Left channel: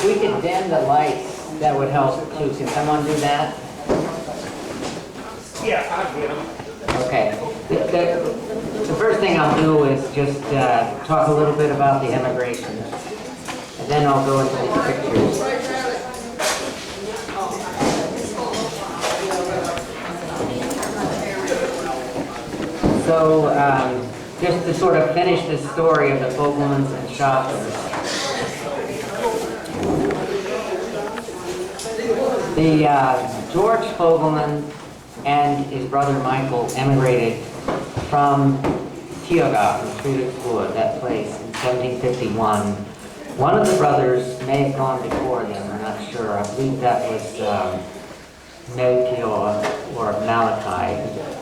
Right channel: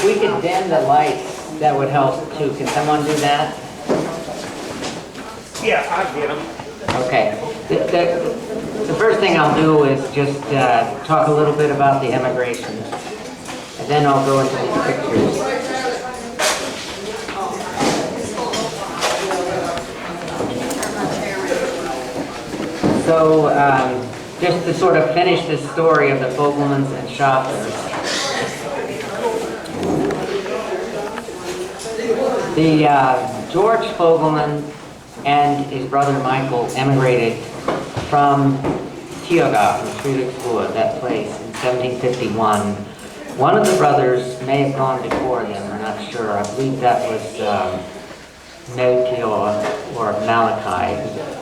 If we could dim the lights, that would help too. Can someone do that? Yeah, I get them. Okay. The first thing I'll do is just talk a little bit about the immigration, and then I'll go into these pictures. So, just to sort of finish this story of the Foglemans and Shoffners. The George Fogleman and his brother Michael emigrated from Tiergarten, Friedrichsruhe, that place, in 1751. One of the brothers may have gone before them, we're not sure. I believe that was Melchior or Malachi,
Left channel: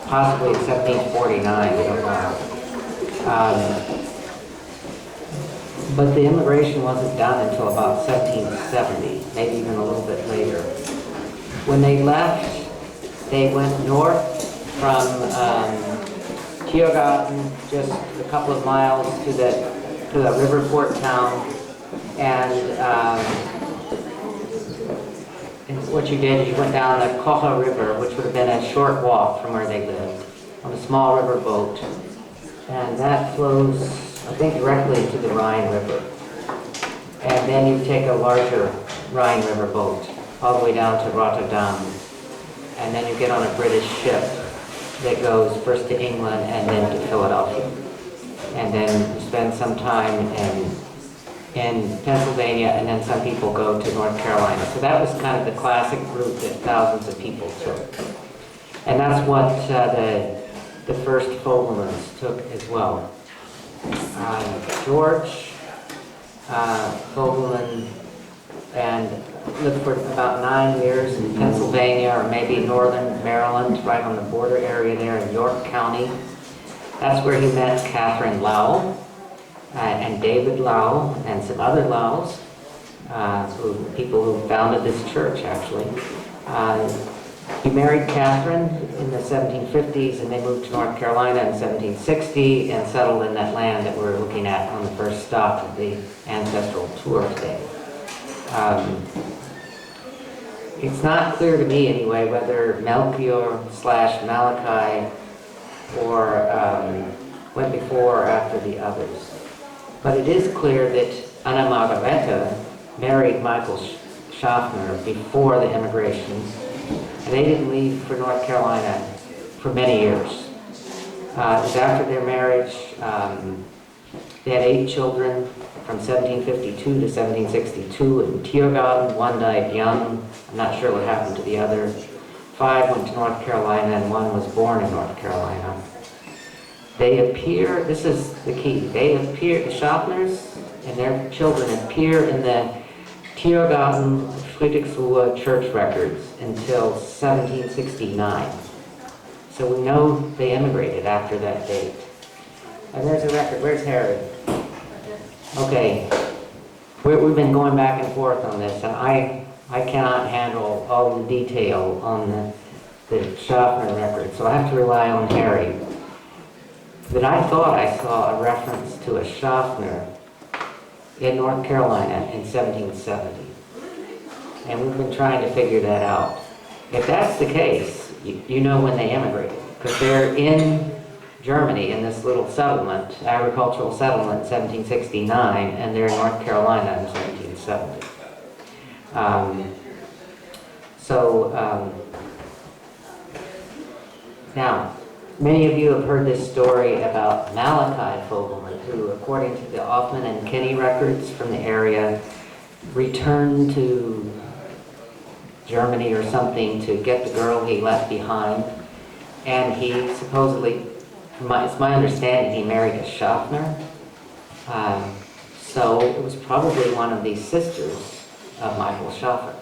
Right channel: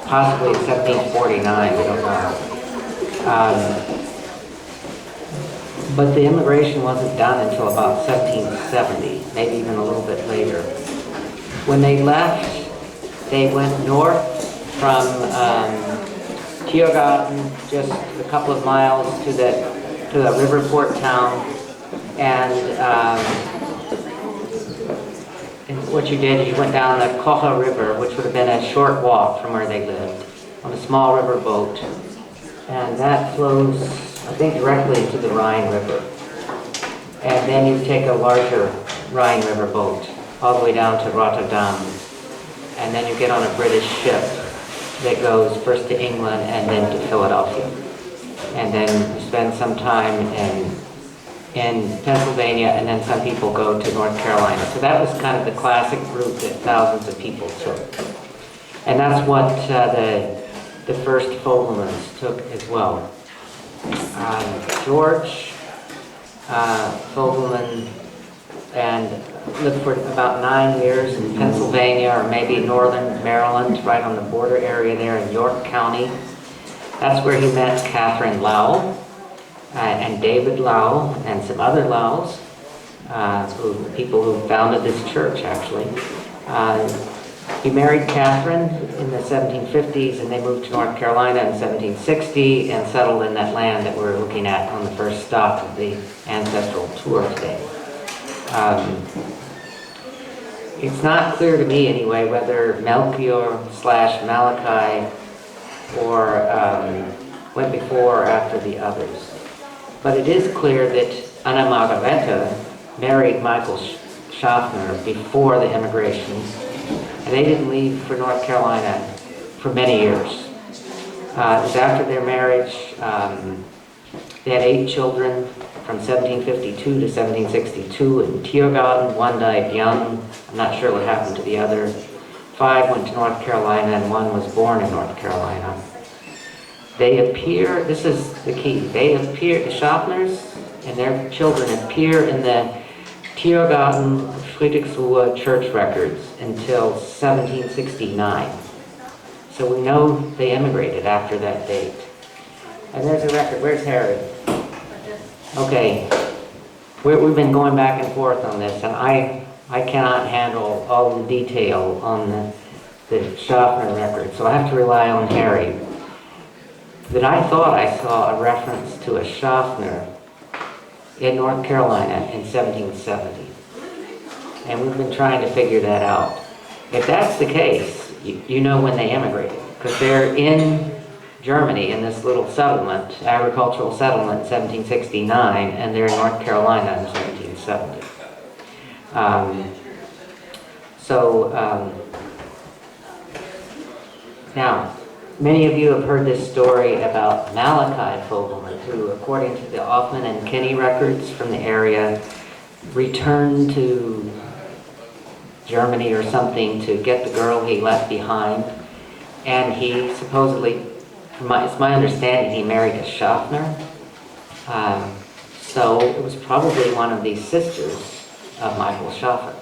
possibly in 1749, we don't know. But the immigration wasn't done until about 1770, maybe even a little bit later. When they left, they went north from Tiergarten, just a couple of miles to the river port town, and what you did is you went down the Kocher River, which would have been a short walk from where they lived, on a small river boat, and that flows, I think, directly into the Rhine River. And then you take a larger Rhine River boat all the way down to Rotterdam, and then you get on a British ship that goes first to England and then to Philadelphia. And then you spend some time in Pennsylvania, and then some people go to North Carolina. So that was kind of the classic route that thousands of people took. And that's what the first Foglemans took as well. George Fogleman and lived for about 9 years in Pennsylvania, or maybe northern Maryland, right on the border area there in York County. That's where he met Catherine Lau and David Lau and some other Laus, people who founded this church, actually. He married Catherine in the 1750s, and they moved to North Carolina in 1760 and settled in that land that we're looking at on the first stop of the ancestral tour today. It's not clear to me anyway whether Melchior/Malachi or went before or after the others. But it is clear that Anna Margareta married Michael Shoffner before the immigration, and they didn't leave for North Carolina for many years. It was after their marriage. They had 8 children from 1752 to 1762 in Tiergarten. One died young. I'm not sure what happened to the other. 5 went to North Carolina, and 1 was born in North Carolina. They appear, this is the key, they appear, the Shoffners and their children appear in the Tiergarten Friedrichsruhe church records until 1769. So we know they immigrated after that date. And there's a record. Where's Harry? Okay. We've been going back and forth on this, and I cannot handle all the detail on the Shoffner record, so I have to rely on Harry. But I thought I saw a reference to a Shoffner in North Carolina in 1770. And we've been trying to figure that out. If that's the case, you know when they immigrated, because they're in Germany in this little settlement, agricultural settlement, in 1769, and they're in North Carolina in 1770. Now, many of you have heard this story about Malachi Fogleman, who, according to the Hoffman and Kinney records from the area, returned to Germany or something to get the girl he left behind. And he supposedly, it's my understanding, he married a Shoffner. So it was probably one of these sisters of Michael Shoffner.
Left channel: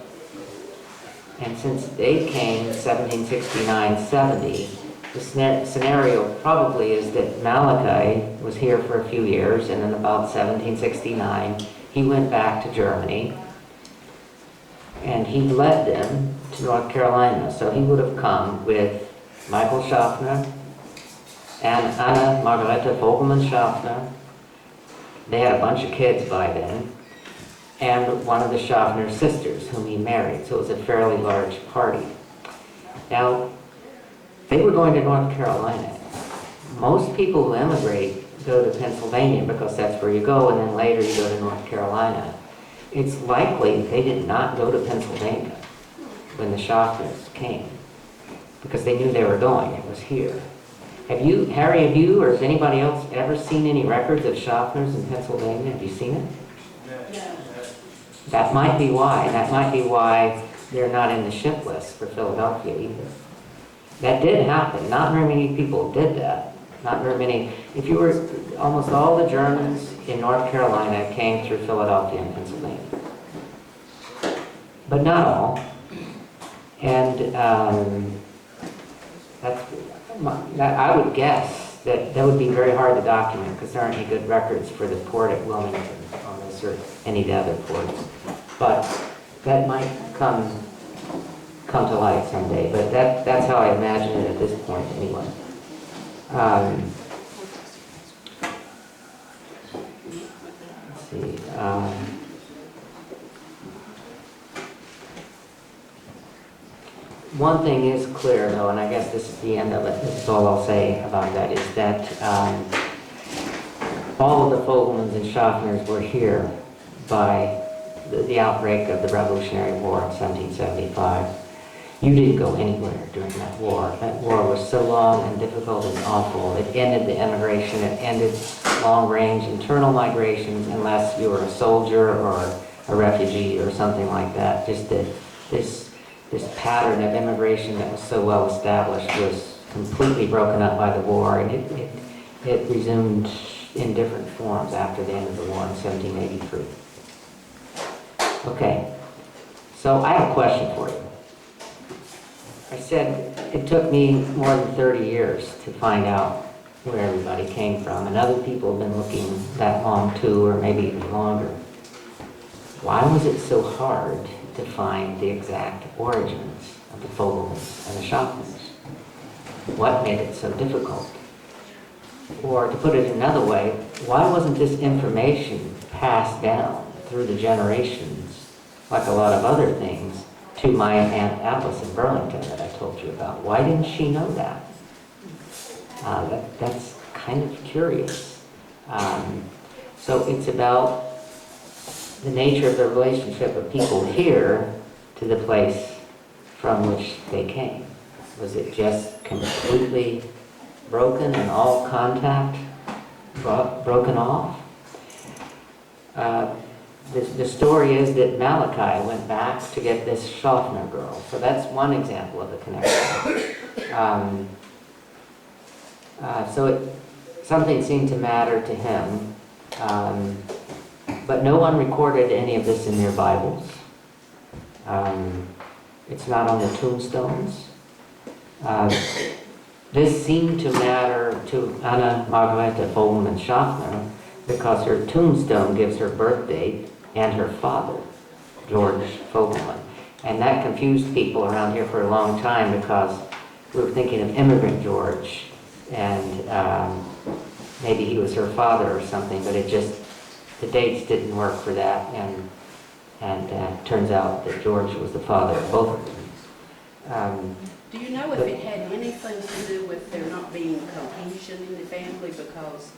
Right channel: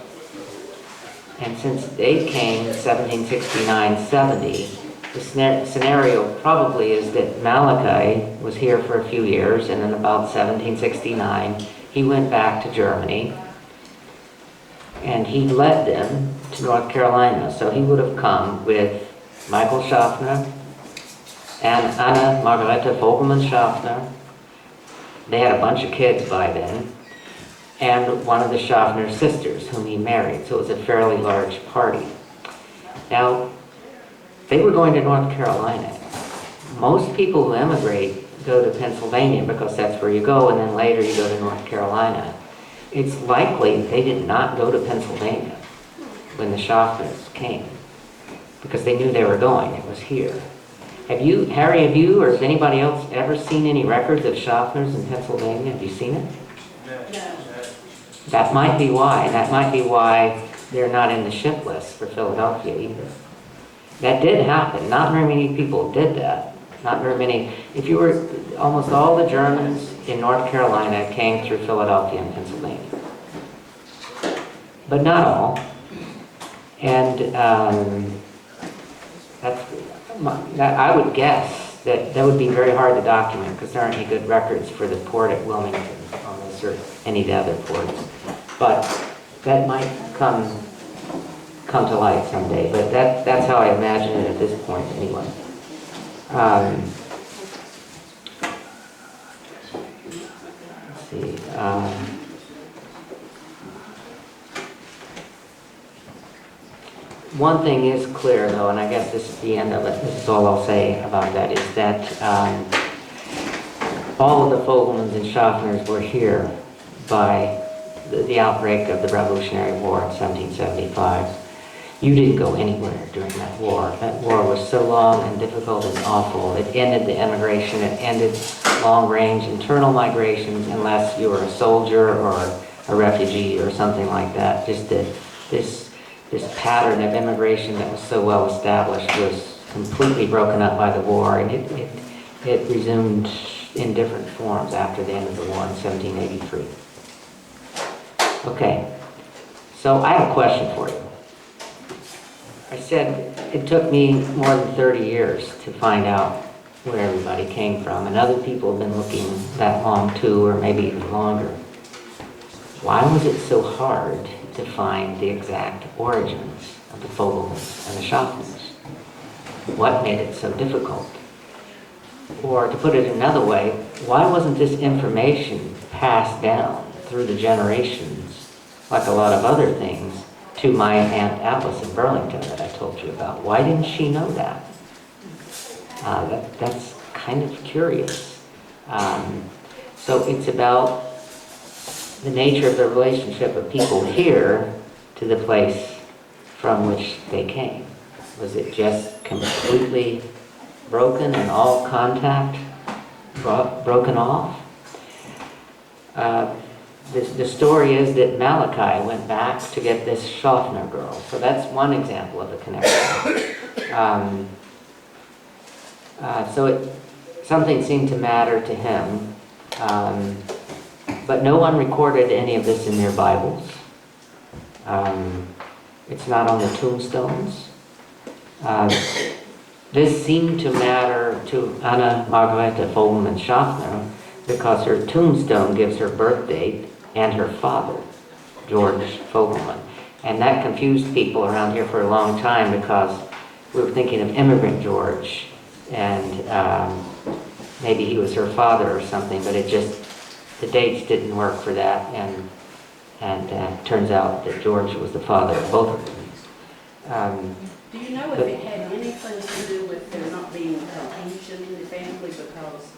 And since they came 1769-70, the scenario probably is that Malachi was here for a few years, and in about 1769, he went back to Germany, and he led them to North Carolina. So he would have come with Michael Shoffner and Anna Margareta Fogleman Shoffner. They had a bunch of kids by then. and one of the Shoffner sisters whom he married. So it was a fairly large party. Now, they were going to North Carolina. Most people who emigrate go to Pennsylvania because that's where you go, and then later you go to North Carolina. It's likely they did not go to Pennsylvania when the Shoffners came because they knew they were going. It was here. Harry, have you or has anybody else ever seen any records of Shoffners in Pennsylvania? Have you seen it? No. That might be why. That might be why they're not in the ship list for Philadelphia either. That did happen. Not very many people did that. Not very many. If you were, almost all the Germans in North Carolina came through Philadelphia and Pennsylvania. But not all. And I would guess that would be very hard to document because there aren't any good records for the port at Wilmington on this or any of the other ports. But that might come to light someday. But that's how I imagine it at this point anyway. Let's see. One thing is clear, though, and I guess this is the end of it. This is all I'll say about that, is that all of the Foglemans and Shoffners were here by the outbreak of the Revolutionary War in 1775. You didn't go anywhere during that war. That war was so long and difficult and awful. It ended the immigration. It ended long-range internal migrations unless you were a soldier or a refugee or something like that. Just this pattern of immigration that was so well established was completely broken up by the war, and it resumed in different forms after the end of the war in 1783. Okay, so I have a question for you. I said it took me more than 30 years to find out where everybody came from, and other people have been looking that long too, or maybe even longer. Why was it so hard to find the exact origins of the Foglemans and the Shoffners? What made it so difficult? Or to put it another way, why wasn't this information passed down through the generations, like a lot of other things, to my Aunt Alice in Burlington that I told you about? Why didn't she know that? That's kind of curious. So it's about the nature of the relationship of people here to the place from which they came. Was it just completely broken and all contact broken off? The story is that Malachi went back to get this Shoffner girl. So that's one example of a connection. Something seemed to matter to him. But no one recorded any of this in their Bibles. It's not on the tombstones. This seemed to matter to Anna Margareta Fogleman and Shoffner because her tombstone gives her birth date and her father, George Fogleman. And that confused people around here for a long time because we were thinking of immigrant George, and maybe he was her father or something, but the dates didn't work for that, and turns out that George was the father of both of them. Do you know if it had anything to do with there not being cohesion in the family? Because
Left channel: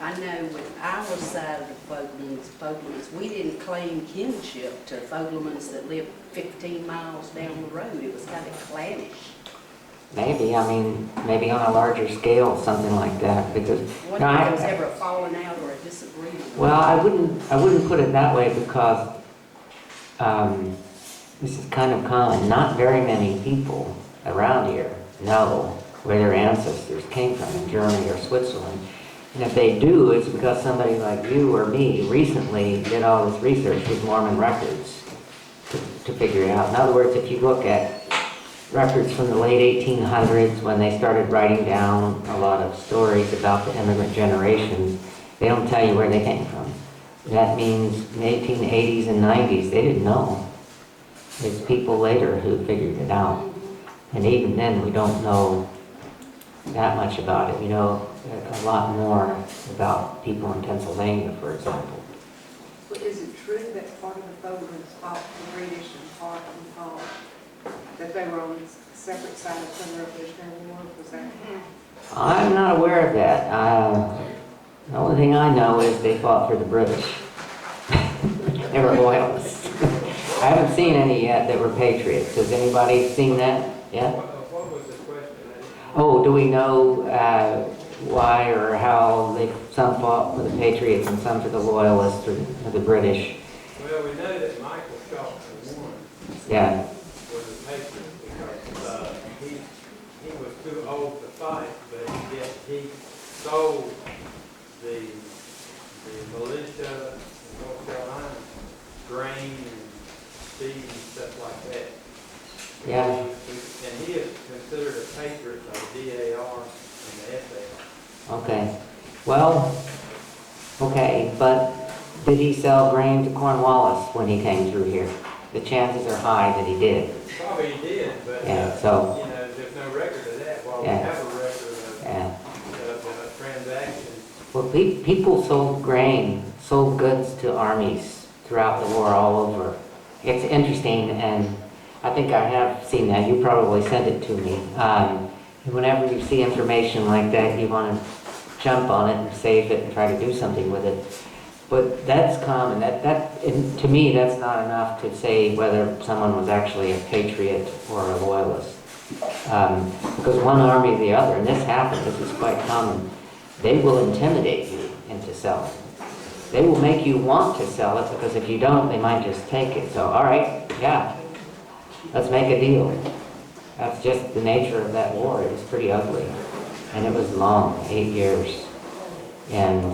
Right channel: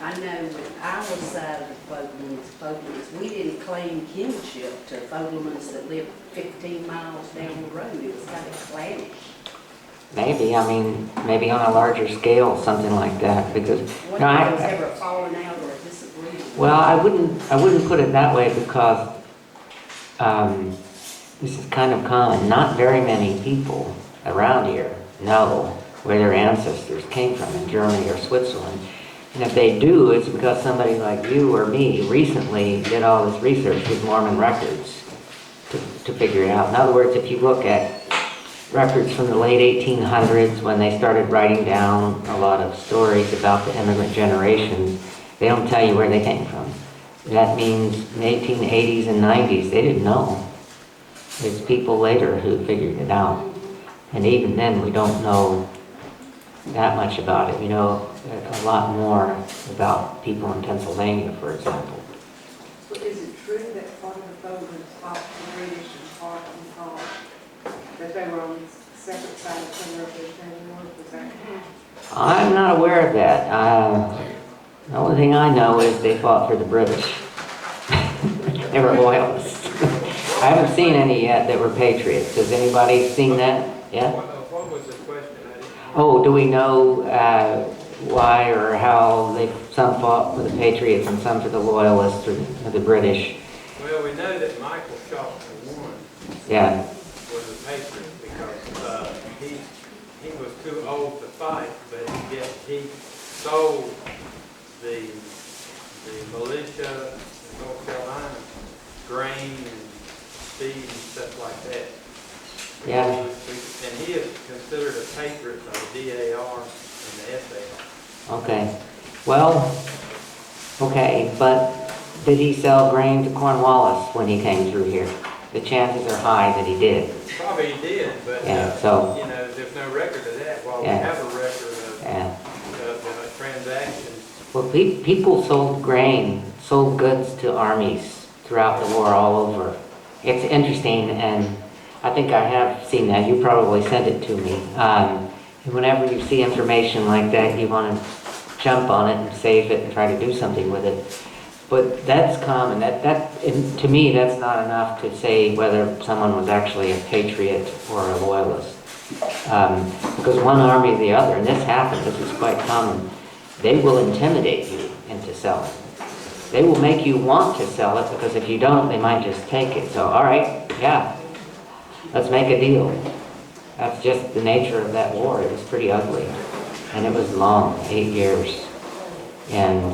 I know with our side of the Foglemans, we didn't claim kinship to Foglemans that lived 15 miles down the road. It was kind of clannish. Maybe on a larger scale, something like that, because What if there was ever a falling out or a disagreement? Well, I wouldn't put it that way because this is kind of common. Not very many people around here know where their ancestors came from in Germany or Switzerland. And if they do, it's because somebody like you or me recently did all this research with Mormon records to figure it out. In other words, if you look at records from the late 1800s when they started writing down a lot of stories about the immigrant generations, they don't tell you where they came from. That means in the 1880s and 90s, they didn't know. It's people later who figured it out. And even then, we don't know that much about it. We know a lot more about people in Pennsylvania, for example. Well, is it true that Fogleman's fought the British and fought that they were on separate sides of the Revolutionary War. Was that? I'm not aware of that. The only thing I know is they fought for the British. They were loyalists. I haven't seen any yet that were patriots. Has anybody seen that? Yeah? What was the question? Oh, do we know why or how some fought for the patriots and some for the loyalists or the British? Well, we know that Michael Shoffner won. Yeah. Was a patriot because he was too old to fight, but yet he sold the militia in North Carolina grain and seed and stuff like that. Yeah. And he is considered a patriot by the DAR and the FAR. Okay. Well, okay, but did he sell grain to Cornwallis when he came through here? The chances are high that he did. Probably he did, but Yeah, so, you know, there's no record of that. While we Yeah. have a record of yeah. transactions. Well, people sold grain, sold goods to armies throughout the war all over. It's interesting, and I think I have seen that. You probably sent it to me. Whenever you see information like that, you want to jump on it and save it and try to do something with it. But that's common. And to me, that's not enough to say whether someone was actually a patriot or a loyalist. Because one army or the other, and this happens, this is quite common, they will intimidate you into selling. They will make you want to sell it, because if you don't, they might just take it. So, all right, yeah, let's make a deal. That's just the nature of that war. It was pretty ugly. And it was long, 8 years. And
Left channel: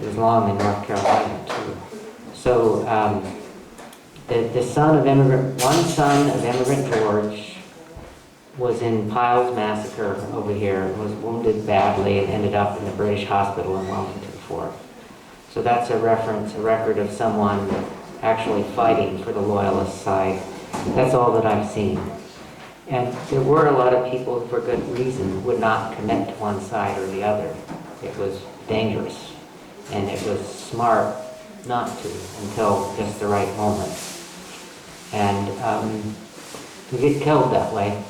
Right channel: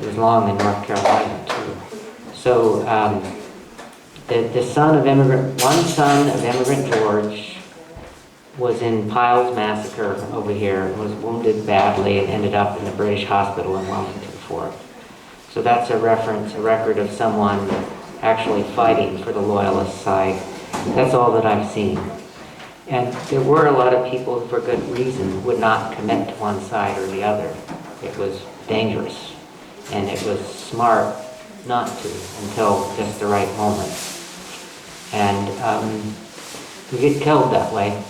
it was long in North Carolina, too. So, one son of immigrant George was in Pyle's massacre over here, was wounded badly, and ended up in the British hospital in Wellington for it. So that's a record of someone actually fighting for the loyalist side. That's all that I've seen. And there were a lot of people who, for good reason, would not commit to one side or the other. It was dangerous, and it was smart not to until just the right moment. And you get killed that way.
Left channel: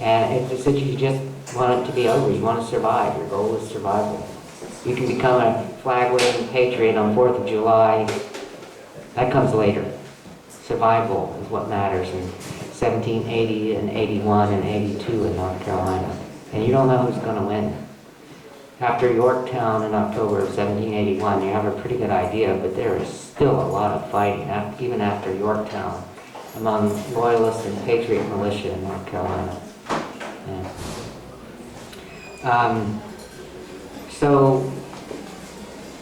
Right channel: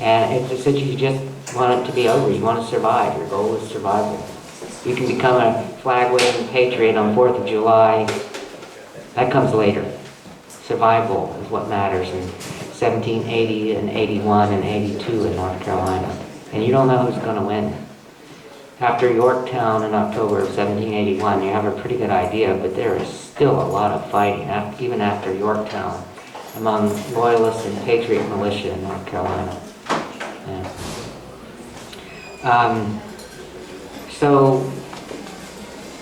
And it's just that you just want it to be over. You want to survive. Your goal is survival. You can become a flag-waving patriot on 4th of July. That comes later. Survival is what matters in 1780 and 81 and 82 in North Carolina. And you don't know who's going to win. After Yorktown in October of 1781, you have a pretty good idea, but there is still a lot of fighting, even after Yorktown, among loyalists and patriot militia in North Carolina. Yeah. So,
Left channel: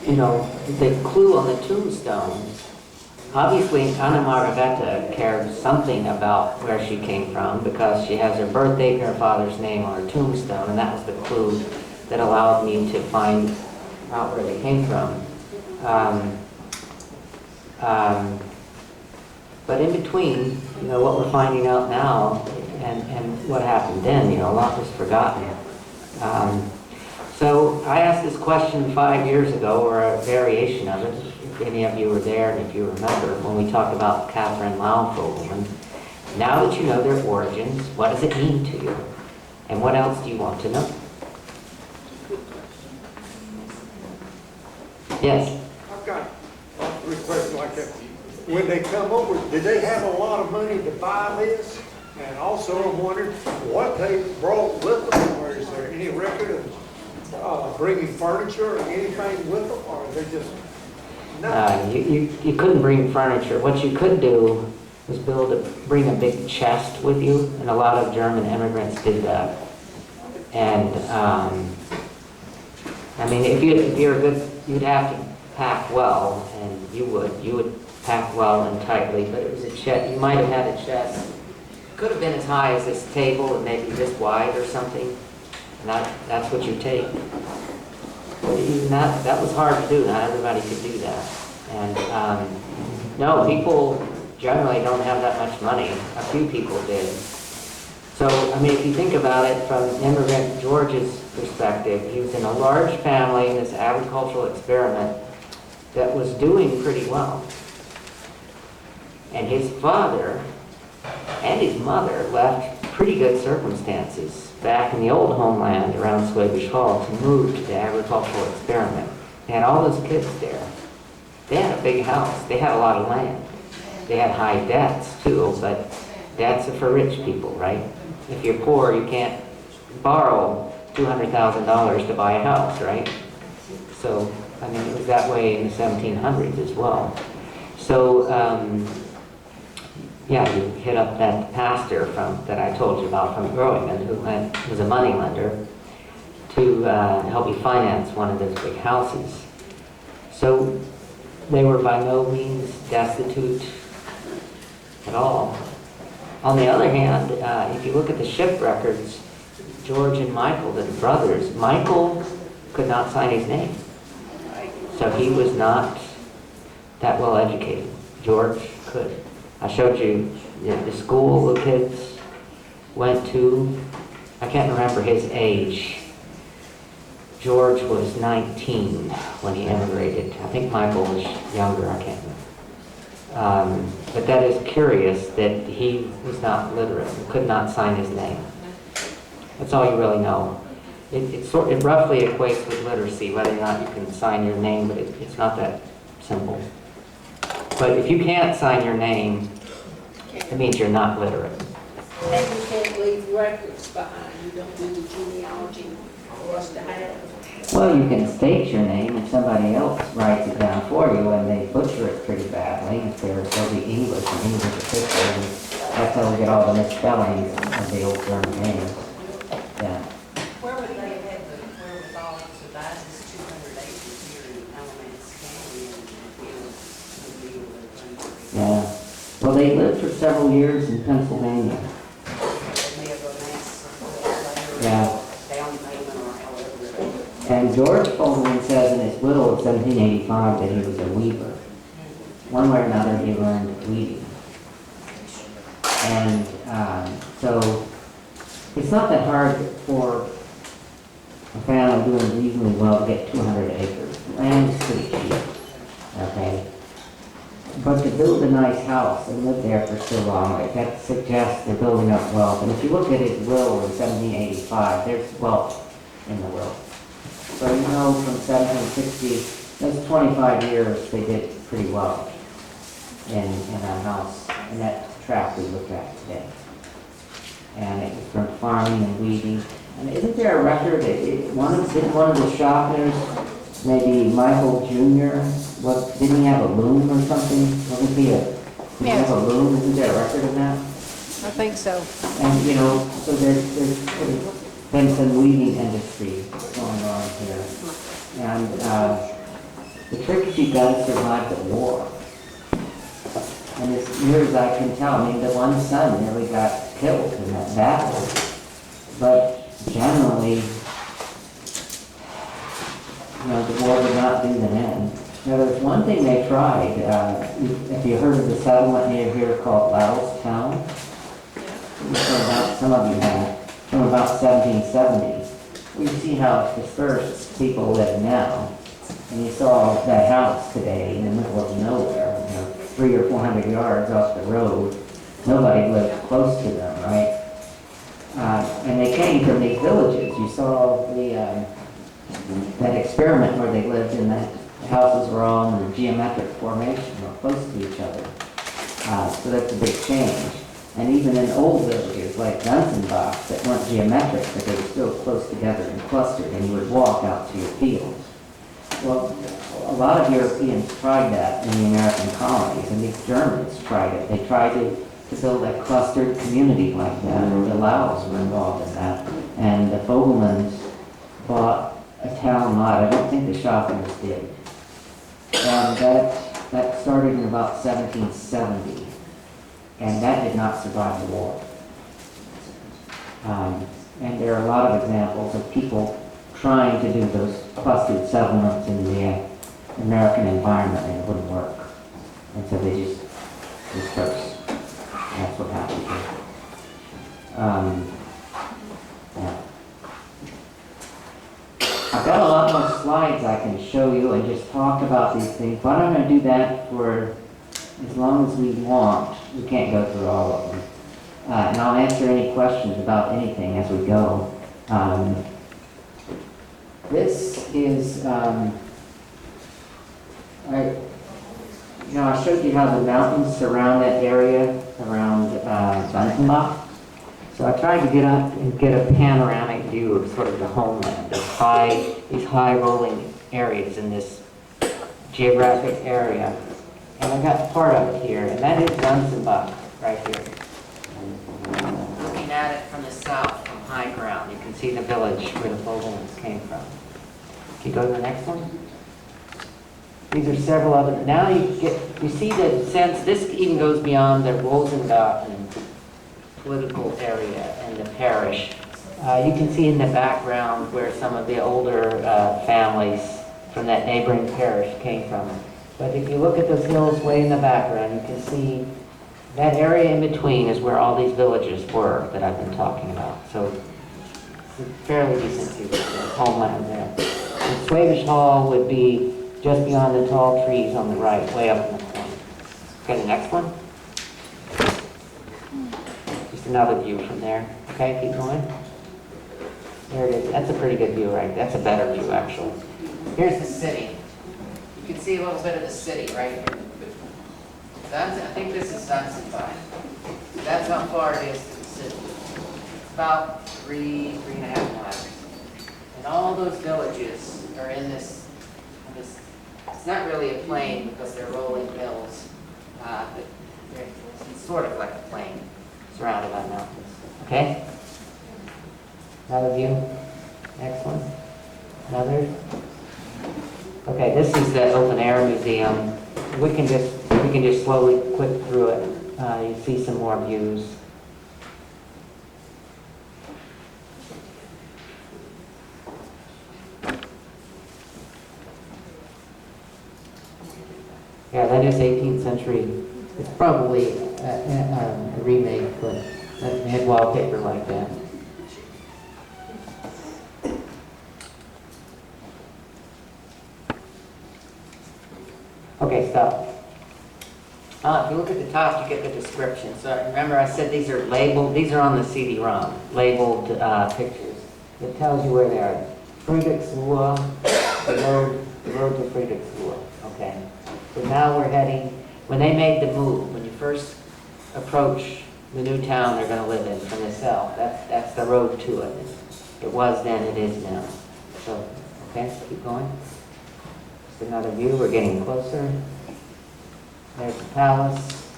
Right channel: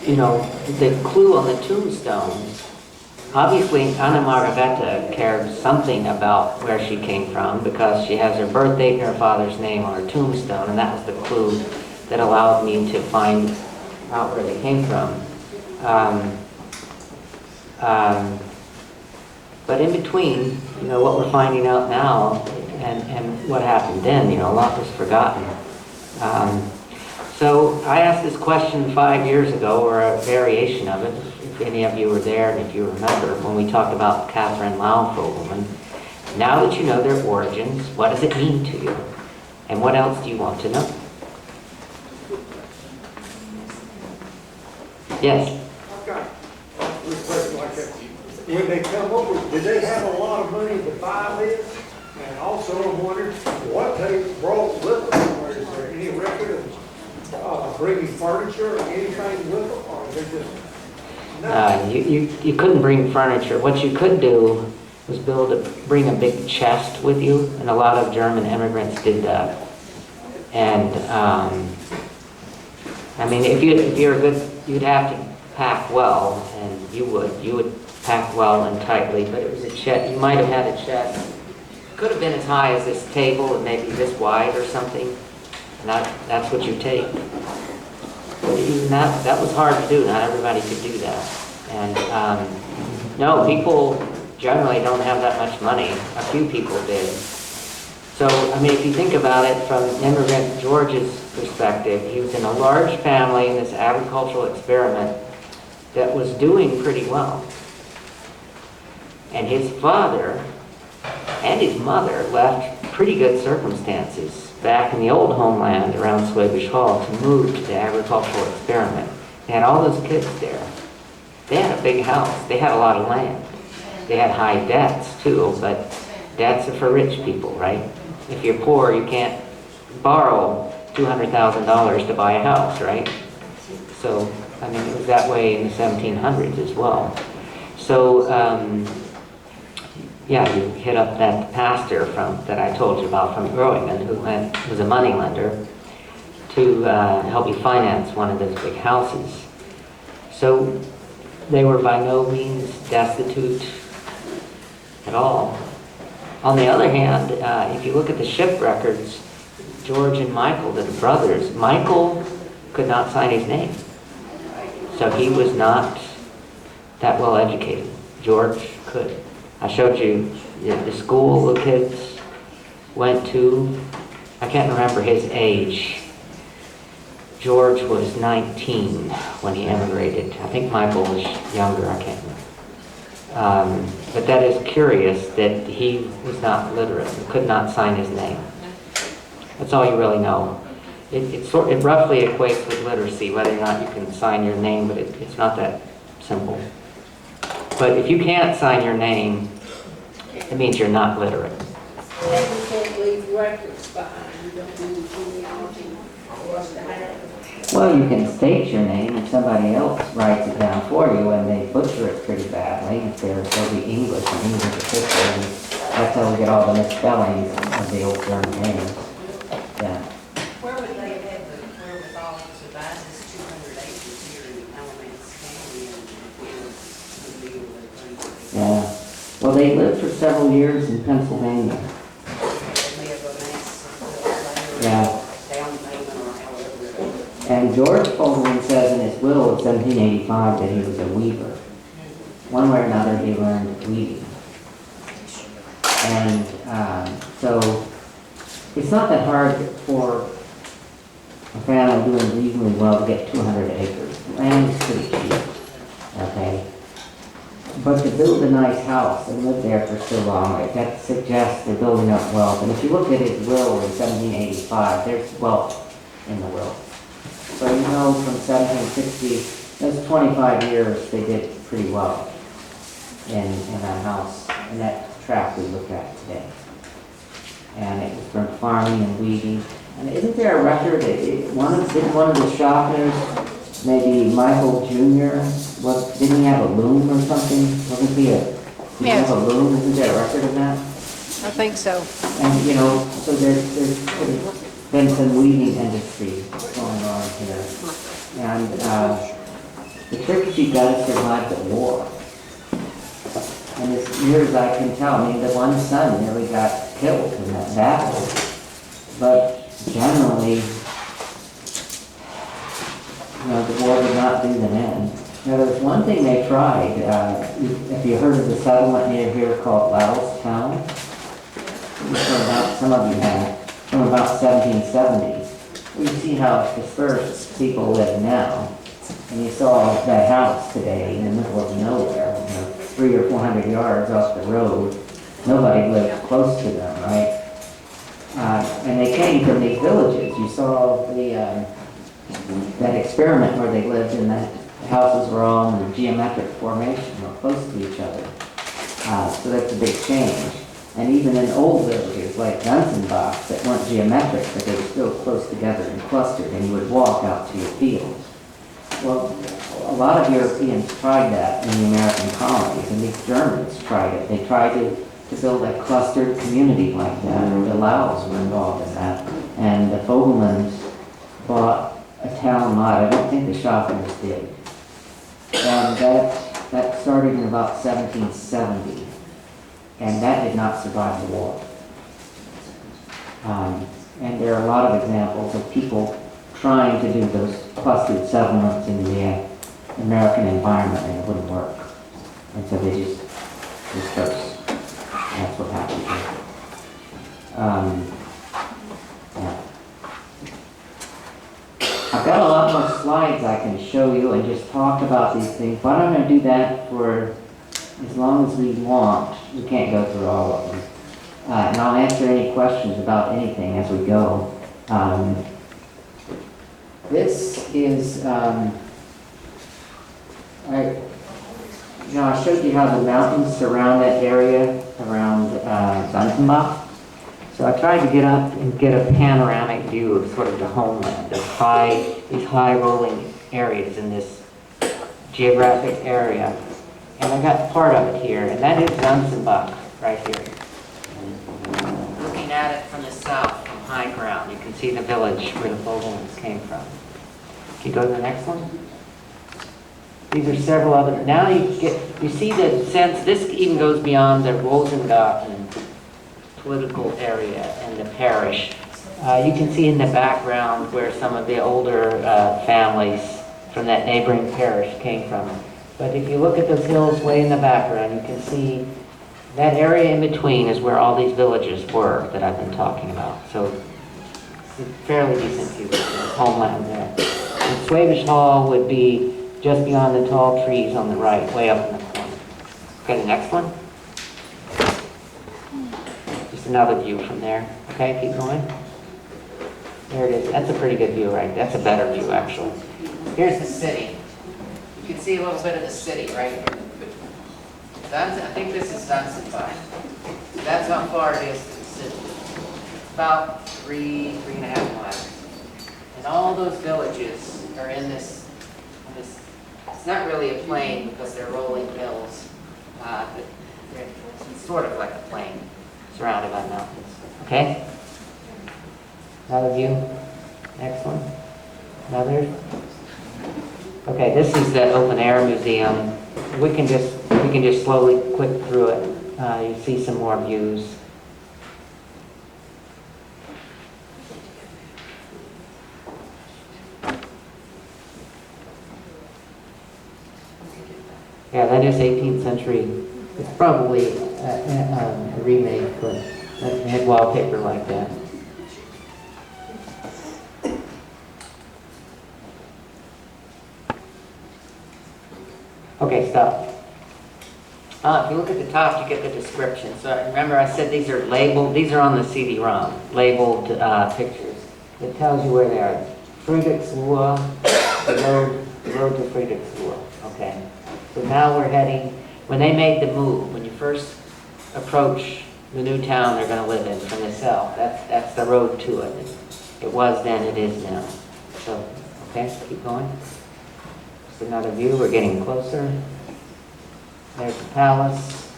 you know, the clue on the tombstone, obviously Anna Margareta cared something about where she came from, because she has her birth date and her father's name on her tombstone, and that was the clue that allowed me to find out where they came from. But in between, you know, what we're finding out now and what happened then, you know, a lot was forgotten. So I asked this question 5 years ago, or a variation of it, if any of you were there and if you remember, when we talked about Catherine Lau Fogleman. Now that you know their origins, what does it mean to you? And what else do you want to know? Yes? I've got a request like that. When they come over, did they have a lot of money to buy this? And also I'm wondering what they brought with them, or is there any record of bringing furniture or anything with them, or is they just nothing? You couldn't bring furniture. What you could do was bring a big chest with you, and a lot of German immigrants did that. And I mean, if you're good, you'd have to pack well, and you would pack well and tightly. But it was a chest. You might have had a chest. Could have been as high as this table and maybe this wide or something. And that's what you take. But even that was hard to do. Not everybody could do that. And no, people generally don't have that much money. A few people did. So, I mean, if you think about it from immigrant George's perspective, he was in a large family in this agricultural experiment that was doing pretty well. And his father and his mother left pretty good circumstances back in the old homeland around Swabish Hall to move to the agricultural experiment. They had all those kids there. They had a big house. They had a lot of land. They had high debts too, but debts are for rich people, right? If you're poor, you can't borrow $200,000 to buy a house, right? So, I mean, it was that way in the 1700s as well. So, yeah, you hit up that pastor that I told you about from Groningen, who was a money lender, to help you finance one of those big houses. So they were by no means destitute at all. On the other hand, if you look at the ship records, George and Michael, the brothers, Michael could not sign his name. So he was not that well educated. George could. I showed you the school the kids went to. I can't remember his age. George was 19 when he emigrated. I think Michael was younger, I can't remember. But that is curious that he was not literate, could not sign his name. That's all you really know. It roughly equates with literacy, whether or not you can sign your name, but it's not that simple. But if you can't sign your name, it means you're not literate. And you can't leave records behind, you don't do the genealogy for us to have. Well, you can state your name and somebody else writes it down for you, and they butcher it pretty badly. If they'll be English and English official, and that's how we get all the misspellings of the old German names. Yeah. Where would they have had the wherewithal to devise this 200 acres here in Alamance County and deal with the Yeah. Well, they lived for several years in Pennsylvania. They have a mass Yeah. down payment or however. And George Fogleman says in his will of 1785 that he was a weaver. One way or another, he learned weaving. And so it's not that hard for a family doing reasonably well to get 200 acres. Land is pretty cheap, okay? But to build a nice house and live there for so long, that suggests they're building up wealth. And if you look at his will in 1785, there's wealth in the will. So you know from 1760, those 25 years, they did pretty well in that house, in that tract we look at today. And it was from farming and weeding. And isn't there a record that didn't one of the Shoffners, maybe Michael Jr., didn't he have a loom or something? Wasn't he did he have a loom? Isn't there a record of that? I think so. And, you know, so there's been some weaving industry going on here. And the trick is you gotta survive the war. And as near as I can tell, I mean, the one son nearly got killed in that battle. But generally, you know, the war did not do them in. Now, there's one thing they tried. If you heard of the settlement near here called Laos Town, some of you have, from about 1770. Well, you see how dispersed people live now. And you saw that house today in the middle of nowhere, 300 or 400 yards off the road. Nobody lived close to them, right? And they came from these villages. You saw that experiment where they lived in that houses were all in a geometric formation or close to each other. So that's a big change. And even in old villages like Dunsenbach that weren't geometric, but they were still close together and clustered, and you would walk out to your fields. Well, a lot of Europeans tried that in the American colonies, and these Germans tried it. They tried to build a clustered community like that. The Laos were involved in that. And the Foglemans bought a town lot. I don't think the Shoffners did. And that started in about 1770. And that did not survive the war. And there are a lot of examples of people trying to do those clustered settlements in the American environment, and it wouldn't work. And so they just disperse. That's what happened here. Yeah. I've got a lot more slides I can show you and just talk about these things, but I'm going to do that for as long as we want. We can't go through all of them. And I'll answer any questions about anything as we go. This is, I showed you how the mountains surround that area around Wüerttemberg. So I tried to get up and get a panoramic view of sort of the homeland, of these high rolling areas in this geographic area. And I got part of it here, and that is Wüerttemberg right here. Looking at it from the south, from high ground, you can see the village where the Foglemans came from. Can you go to the next one? These are several of them. Now you see the sense, this even goes beyond the Rosengarten political area and the parish. You can see in the background where some of the older families from that neighboring parish came from. But if you look at those hills way in the background, you can see that area in between is where all these villages were that I've been talking about. So it's a fairly decent view of the homeland there. And Swabish Hall would be just beyond the tall trees on the right, way up in the corner. Okay, the next one. Just another view from there. Okay, keep going. There it is. That's a pretty good view, right? That's a better view, actually. Here's the city. You can see a little bit of the city right here. I think this is Wüerttemberg. That's how far it is to the city. About 3.5 miles. And all those villages are in this, it's not really a plain because they're rolling hills, but it's sort of like a plain surrounded by mountains. Okay? Another view. Next one. Another. Okay, this is the open air museum. We can just slowly click through it. You see some more views. Yeah, that is 18th century. It's probably a remake, but it had wallpaper like that. Okay, stop. If you look at the top, you get the description. So remember I said these are labeled, these are on the CD-ROM, labeled pictures. It tells you where they are. Friedrichsruhe, the road to Friedrichsruhe. Okay. So now we're heading, when they made the move, when you first approach the new town they're going to live in from the south, that's the road to it. It was then, it is now. So, okay, keep going. Just another view, we're getting closer. There's the palace.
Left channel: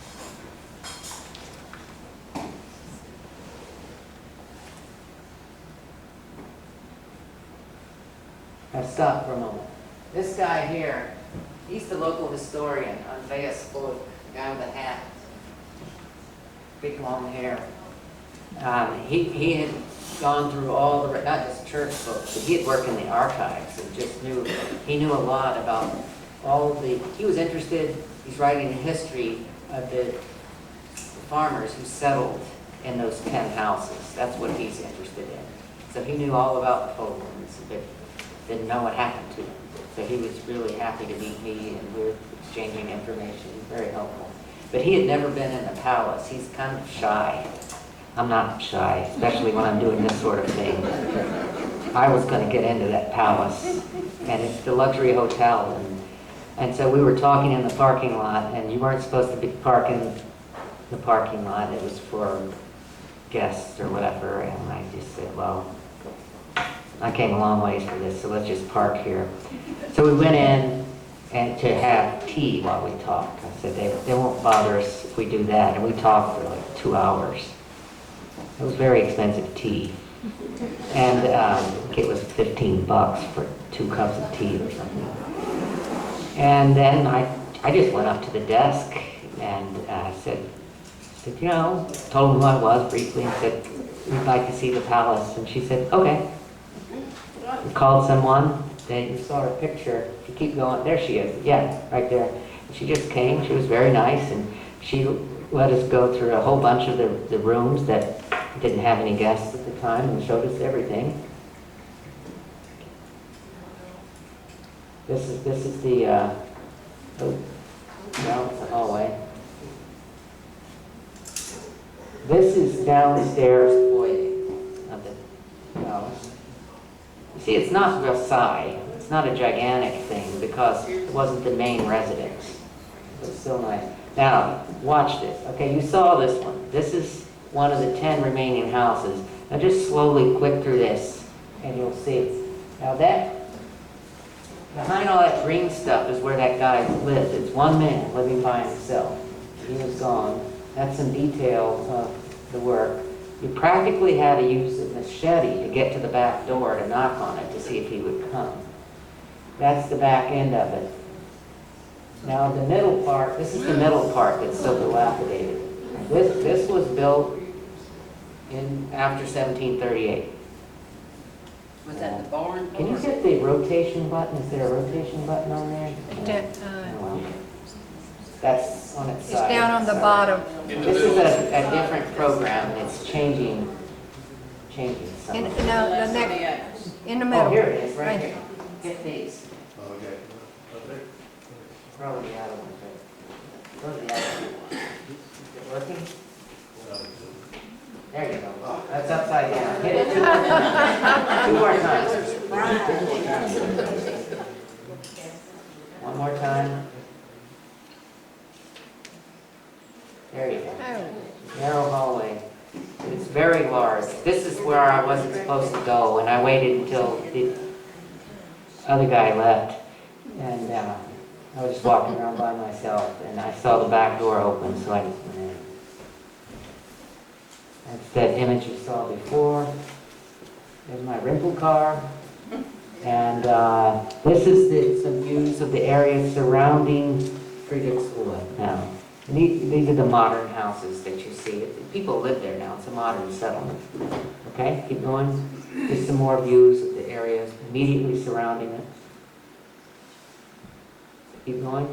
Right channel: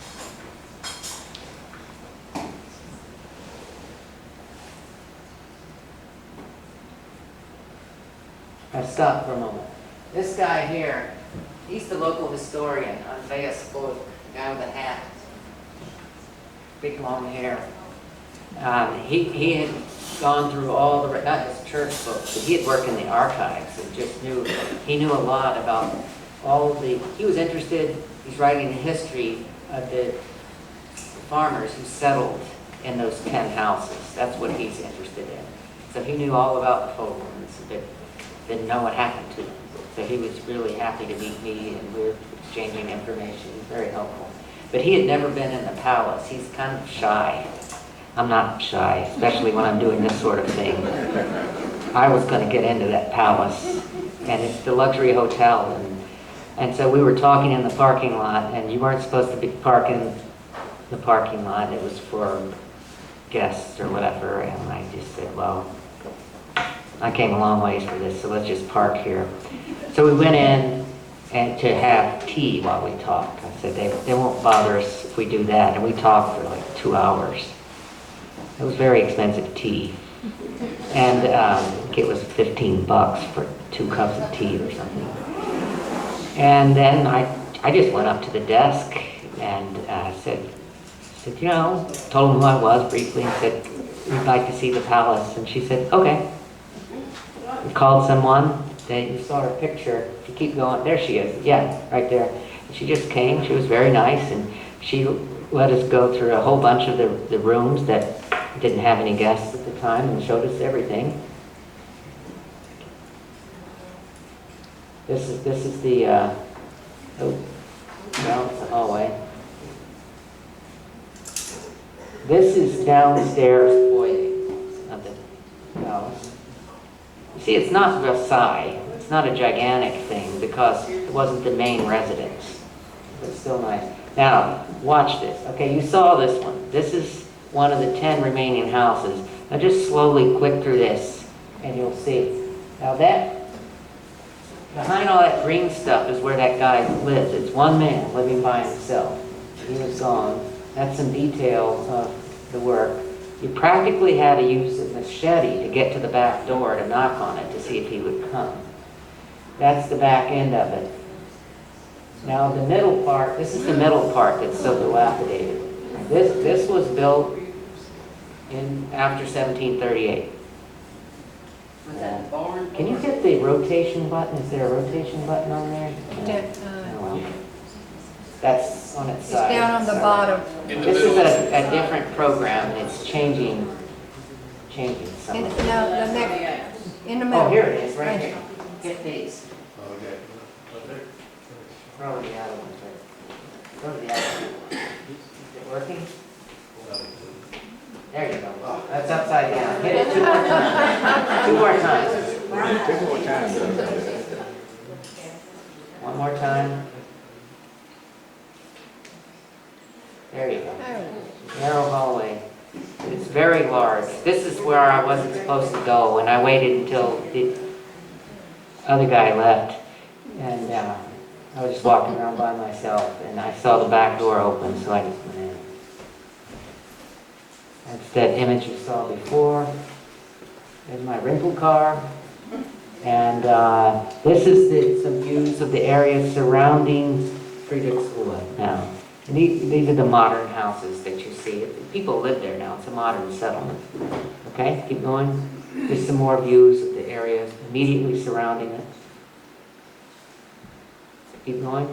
Now stop for a moment. This guy here, he's the local historian, Andreas Vogt, the guy with the hat, big long hair. He had gone through all the, not just church books, but he had worked in the archives and just he knew a lot about all of he was interested, he's writing the history of the farmers who settled in those 10 houses. That's what he's interested in. So he knew all about the Foglemans, but didn't know what happened to them. So he was really happy to meet me, and we were exchanging information. He's very helpful. But he had never been in the palace. He's kind of shy. I'm not shy, especially when I'm doing this sort of thing. I was going to get into that palace, and it's the luxury hotel. And so we were talking in the parking lot, and you weren't supposed to be parking the parking lot. It was for guests or whatever, and I just said, well, I came a long ways for this, so let's just park here. So we went in and to have tea while we talked. I said, they won't bother us if we do that. And we talked for like 2 hours. It was very expensive tea. And it was $15 for 2 cups of tea or something. And then I just went up to the desk and said, told them who I was briefly and said, we'd like to see the palace. And she said, okay. We called someone. Then you saw her picture. If you keep going, there she is. Yeah, right there. And she just came. She was very nice, and she let us go through a whole bunch of the rooms that didn't have any guests at the time, and showed us everything. This is the it's a hallway. This is downstairs foyer of the house. You see, it's not Versailles. It's not a gigantic thing because it wasn't the main residence. It's still nice. Now, watch this. Okay, you saw this one. This is one of the 10 remaining houses. Now just slowly click through this and you'll see. Now that, behind all that green stuff is where that guy lives. It's one man living by himself. He was gone. That's some detail of the work. You practically had to use a machete to get to the back door to knock on it to see if he would come. That's the back end of it. Now the middle part, this is the middle part that's so dilapidated. This was built after 1738. Was that the barn? Can you get the rotation button? Is there a rotation button on there? Oh, well. That's on its It's side. down on the bottom. This is a different program. It's changing In, some. no, the next, in the middle. Oh, here it is, right Right here. Get these. Okay. Probably the other ones, right? Those are the other ones. Is it working? There you go. That's upside down. Hit it 2 more times. 2 more times. 2 more times. 1 more time. There you go. Narrow hallway. It's very large. This is where I wasn't supposed to go, and I waited until the other guy left, and I was just walking around by myself, and I saw the back door open, so I just went in. That's that image you saw before. There's my rental car, and this is some views of the area surrounding Friedrichsruhe now. And these are the modern houses that you see. People live there now. It's a modern settlement. Okay, keep going. Just some more views of the area immediately surrounding it. Keep going.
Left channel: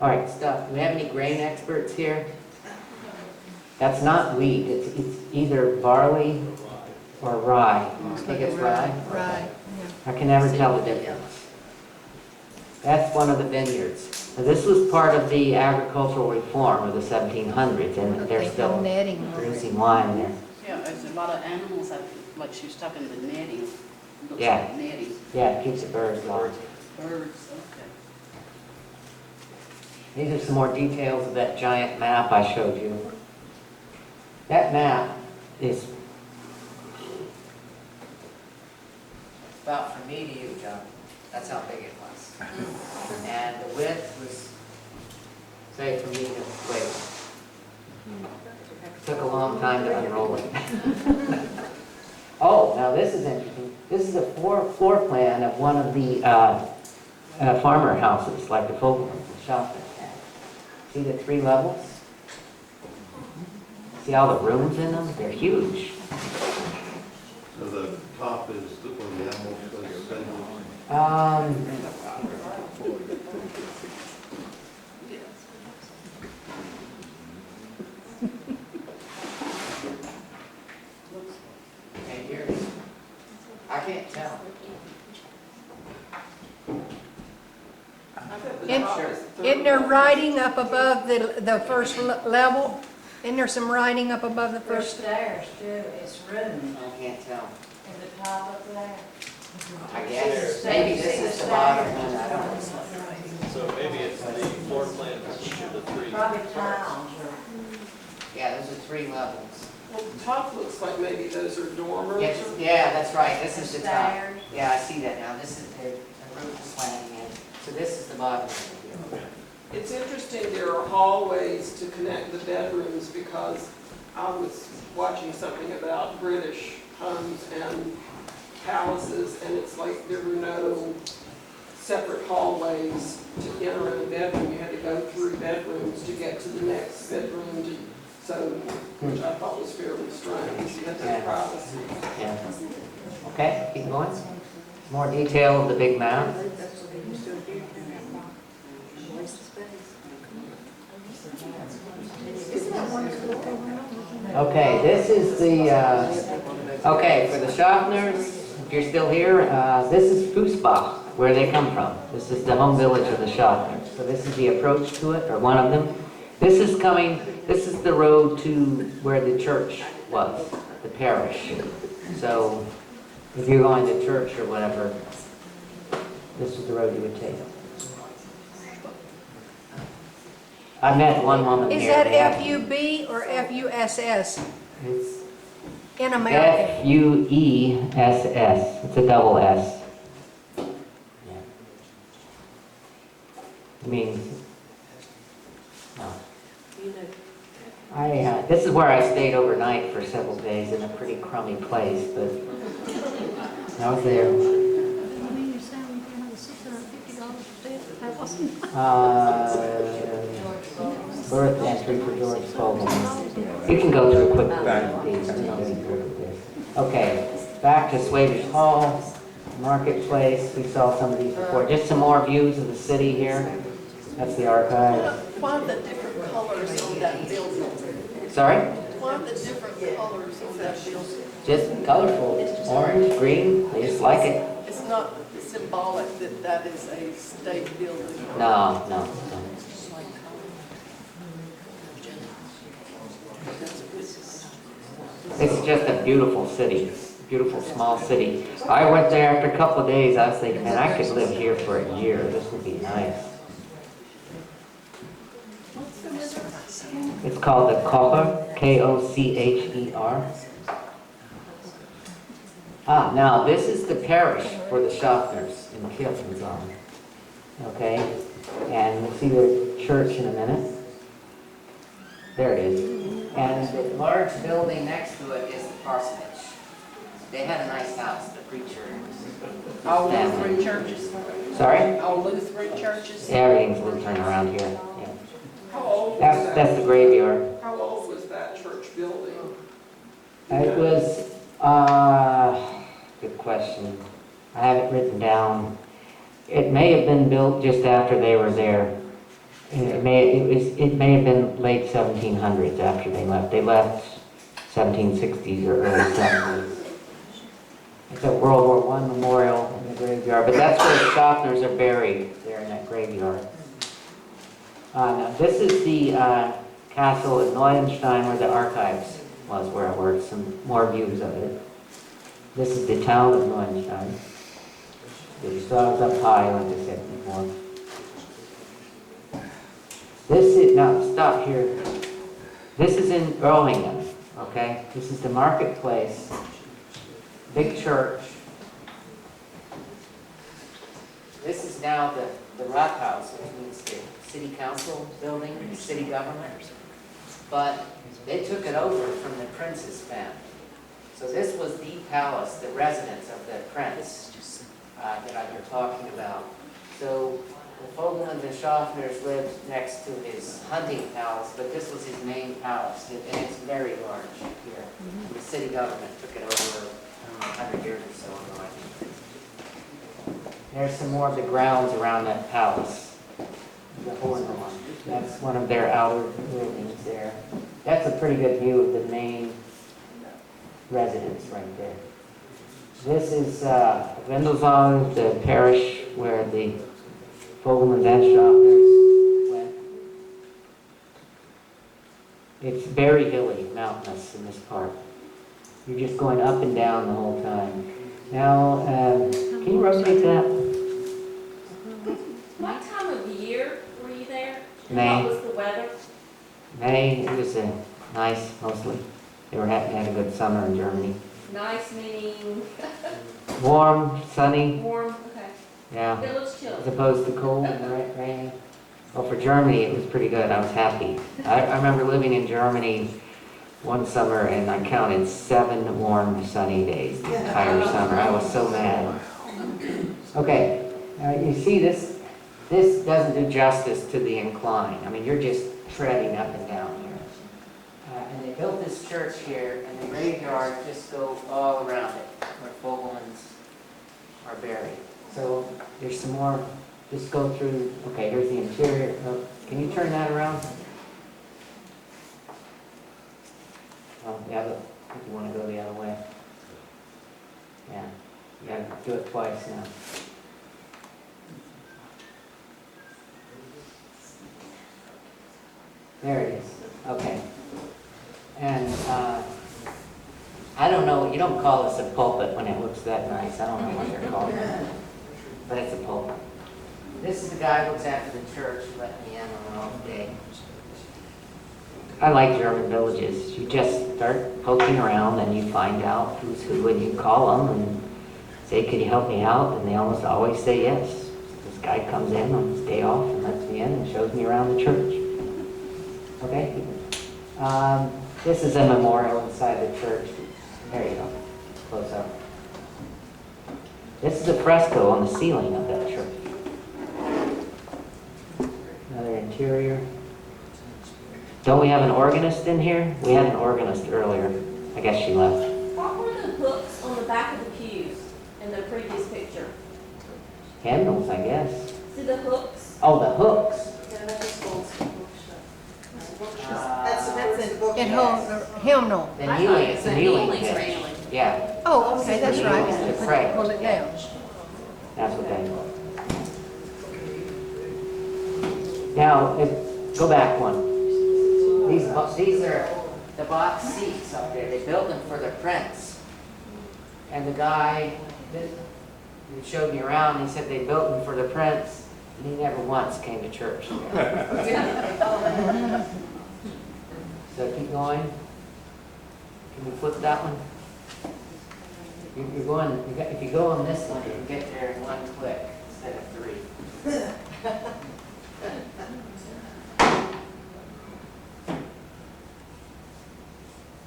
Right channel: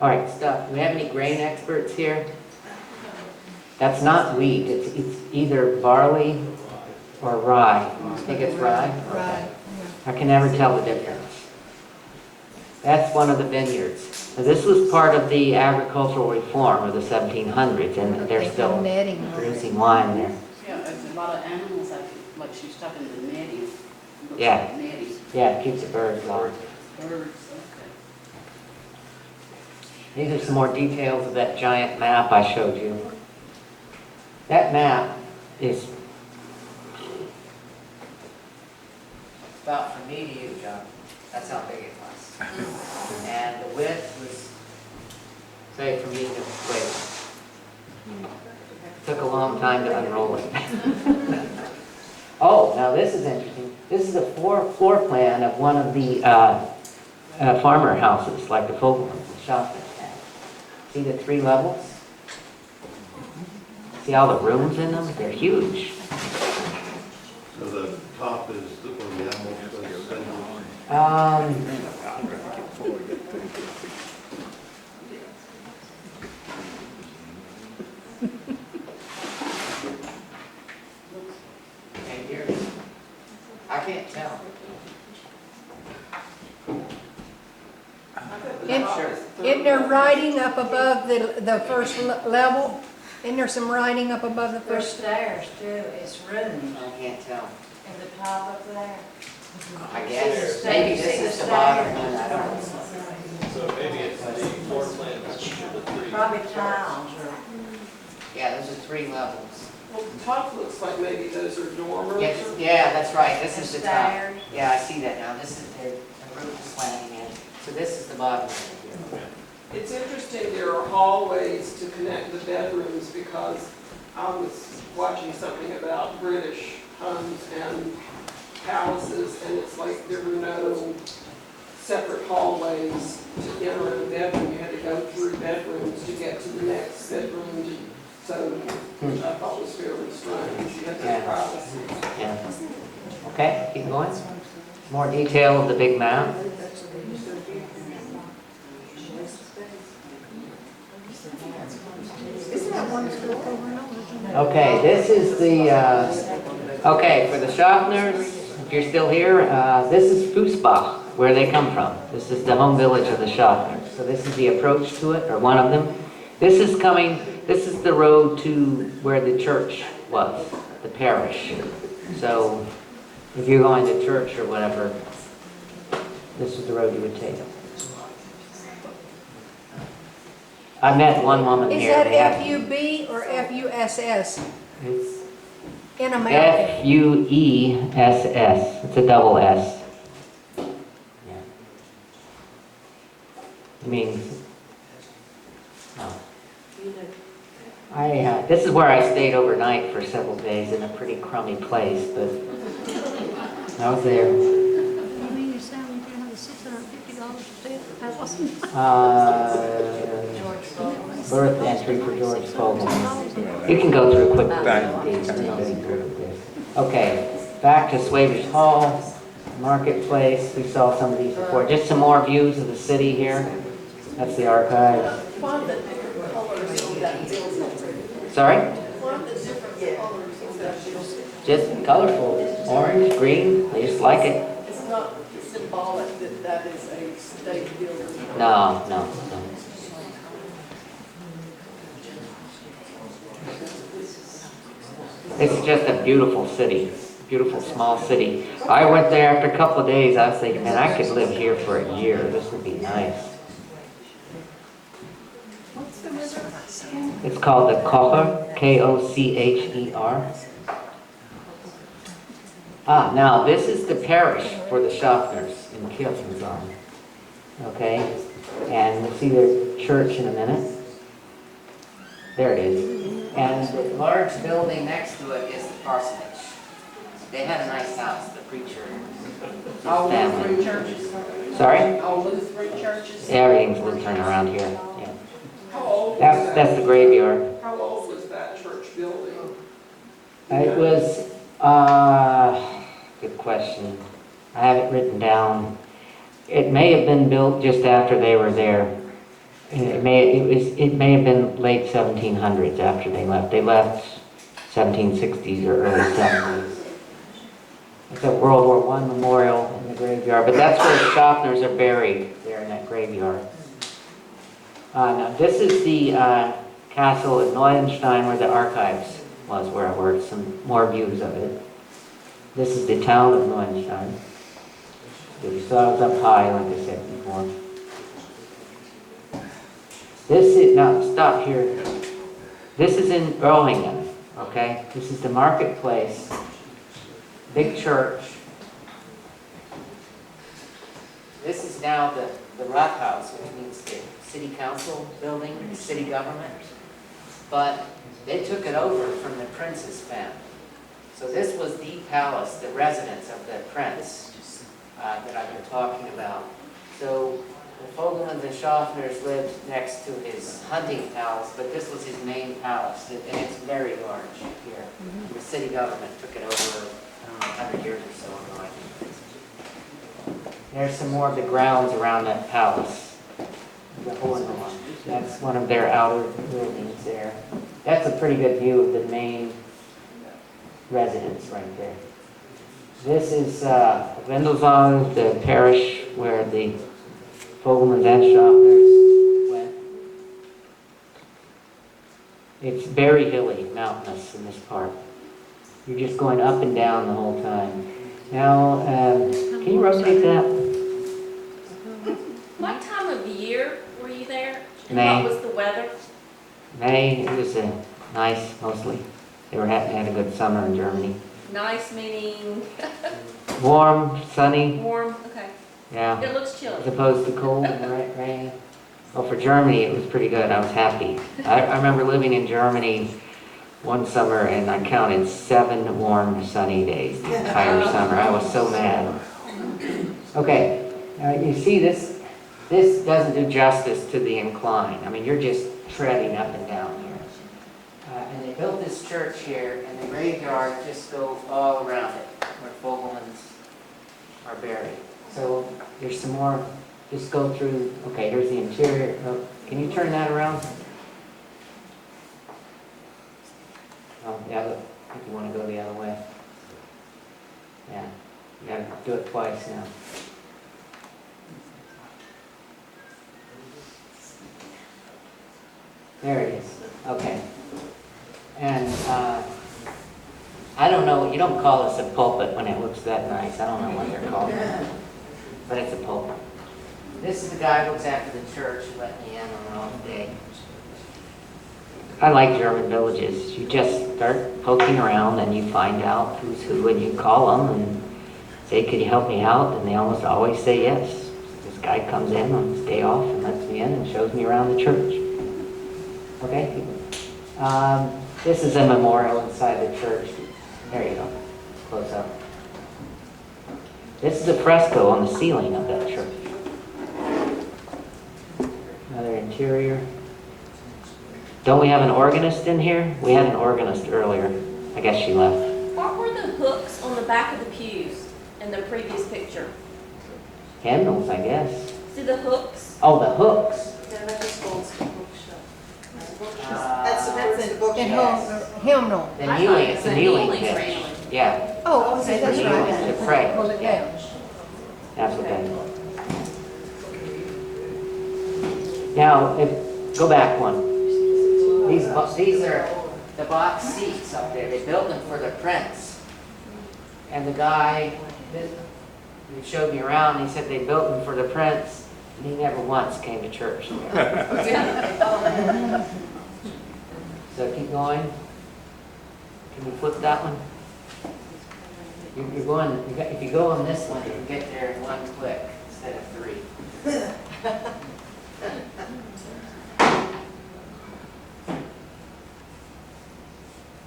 All right, stuff. Do we have any grain experts here? That's not wheat. It's either barley or rye. I think it's rye. Right. I can never tell the difference. That's one of the vineyards. Now, this was part of the agricultural reform of the 1700s, and they're still netting. producing wine there. Yeah, there's a lot of animals, like she was talking to netting. Looks Yeah. like netting. Yeah, it keeps the birds alive. Birds, okay. These are some more details of that giant map I showed you. That map is about from me to you, John. That's how big it was. And the width was, say, from me to wait. Took a long time to unroll it. Oh, now this is interesting. This is a floor plan of one of the farmer houses, like the Fogleman and Shoffner had. See the 3 levels? See all the rooms in them? They're huge. So the top is where the animals stay? And here, I can't tell. Isn't there writing up above the first level? Isn't there some writing up above the There's first? stairs too, it's rooms I can't tell. in the top up there. I guess, maybe this is the bottom one, I don't know. So maybe it's the floor plan of the 3. Probably tiles or. Yeah, those are 3 levels. Well, the top looks like maybe those are dormers. Yes, yeah, that's right, this is the top. Stairs. Yeah, I see that now, this is the roof is slanting in. So this is the bottom one here. It's interesting there are hallways to connect the bedrooms because I was watching something about British homes and palaces, and it's like there were no separate hallways to enter a bedroom. You had to go through bedrooms to get to the next bedroom, which I thought was fairly strange. You had Yeah. that privacy. Yeah. Okay, keep going. More detail of the big map. Okay, this is the, okay, for the Shoffners, if you're still here, this is Fußbach. where they come from. This is the home village of the Shoffners. So this is the approach to it, or one of them. This is the road to where the church was, the parish. So if you're going to church or whatever, this is the road you would take. I met one woman Is here. that They have- F-U-B or F-U-S-S It's in American? Fuess. It's a double S. Yeah. It means, this is where I stayed overnight for several days in a pretty crummy place, but I was there. You mean you're selling $650 a day? That wasn't. Birth entry for George Fogleman. You can go through quick. Okay, back to Swavers Hall, Marketplace. We saw some of these before. Just some more views of the city here. That's the archive. Why the different colors on that building? Sorry? Why the different colors on that building? Just colorful. Orange, green. They just like it. It's not symbolic that that is a state building. No, no, no. It's just a beautiful city, beautiful small city. I went there after a couple of days. I was thinking, man, I could live here for a year. This would be nice. It's called the Kocher, K-O-C-H-E-R. Now this is the parish for the Shoffners in Kirchensong. Okay, and we'll see their church in a minute. There it is. And the large building next to it is the parsonage. They had a nice house, the preacher. All family. Lutheran churches? Sorry? All Lutheran churches? Everything's Lutheran around here. Yeah. How old was That's the graveyard. How old was that church building? It was, good question. I have it written down. It may have been built just after they were there. It may have been late 1700s after they left. They left 1760s or early 70s. It's a World War I memorial in the graveyard, but that's where the Shoffners are buried, there in that graveyard. Now this is the castle at Neuenstein where the archives was, where I worked. Some more views of it. This is the town of Neuenstein. You saw it was up high, like I said before. This is, now stop here. This is in Erlangen, okay? This is the marketplace, big church. This is now the Rathaus, which means the city council building, the city government. But they took it over from the prince's family. So this was the palace, the residence of the prince that I've been talking about. So the Foglemans and Shoffners lived next to his hunting palace, but this was his main palace, and it's very large here. The city government took it over, I don't know, 100 years or so ago, I think. There's some more of the grounds around that palace. The Hornhorn. That's one of their outer buildings there. That's a pretty good view of the main residence right there. This is Windelsong, the parish where the Fogleman and Shoffner went. It's very hilly, mountainous in this part. You're just going up and down the whole time. Now, can you rotate that? What time of year were you there? And May. what was the weather? May, it was nice mostly. They had a good summer in Germany. Nice meaning Warm, sunny, warm, okay. yeah. It looks As chilly. opposed to cold and rain. Well, for Germany, it was pretty good. I was happy. I remember living in Germany one summer, and I counted 7 warm, sunny days the entire summer. I was so mad. Okay, you see this doesn't do justice to the incline. I mean, you're just treading up and down here. And they built this church here, and the graveyard just goes all around it, where Foglemans are buried. So there's some more, just go through, okay, here's the interior. Oh, can you turn that around? Oh, yeah, look, if you want to go the other way. Yeah, you gotta do it twice now. There it is, okay. And, I don't know, you don't call this a pulpit when it looks that nice, I don't know what they're called, but it's a pulpit. This is the guy who looks after the church, who let me in on an off day. I like German villages, you just start poking around and you find out who's who, and you call them and say, could you help me out? And they almost always say yes. This guy comes in on his day off and lets me in and shows me around the church. Okay? This is a memorial inside the church. There you go, close up. This is a fresco on the ceiling of that church. Another interior. Don't we have an organist in here? We had an organist earlier. I guess she left. What were the hooks on the back of the pews in the previous picture? Hymnals, I guess. See the hooks? Oh, the hooks. Yeah, that just goes to bookshelf. That's in book. And hymnal. The I kneeling, thought it's it the was kneeling kneeling pitch. railing. Yeah, Oh, okay, that's right. to pray. Pull it down. That's what that is. Now, go back one. These are the box seats up there. They built them for the prince. And the guy who showed me around, he said they built them for the prince, and he never once came to church. So keep going. Can we flip that one? You're going, if you go on this one, you can get there in one click instead of three.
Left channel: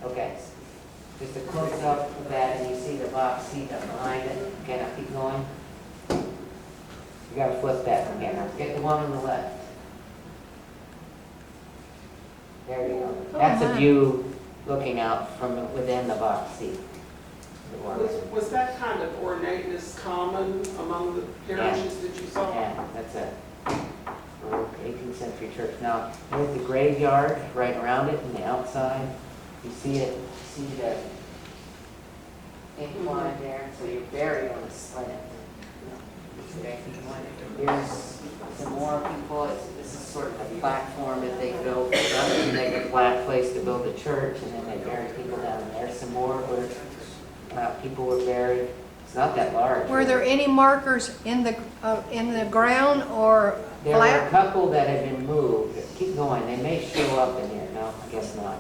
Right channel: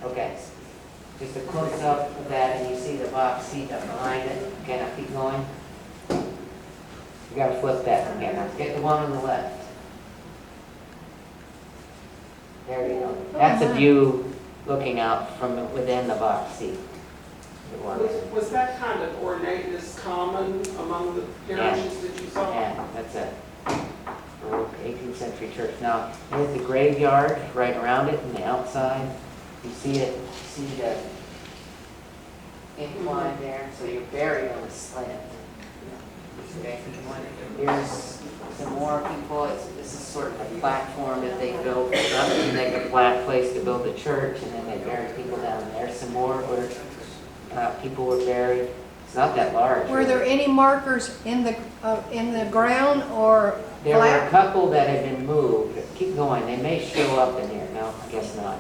Okay, just a close up of that, and you see the box seat up behind it. Okay, now keep going. You gotta flip that from here. Now get the one on the left. There you go. That's a view looking out from within the box seat. Was that kind of ornateness common among the parishes that you saw? Yeah, that's a Baroque 18th century church. Now, there's the graveyard right around it and the outside. You see it, you see the incline there, so you're buried on a slant. Okay. Here's some more people. This is sort of a platform that they built to make a flat place to build a church, and then they buried people down there. Some more where people were buried. It's not that large. Were there any markers in the ground or There were a flat? couple that had been moved. Keep going. They may show up in here. No, I guess not.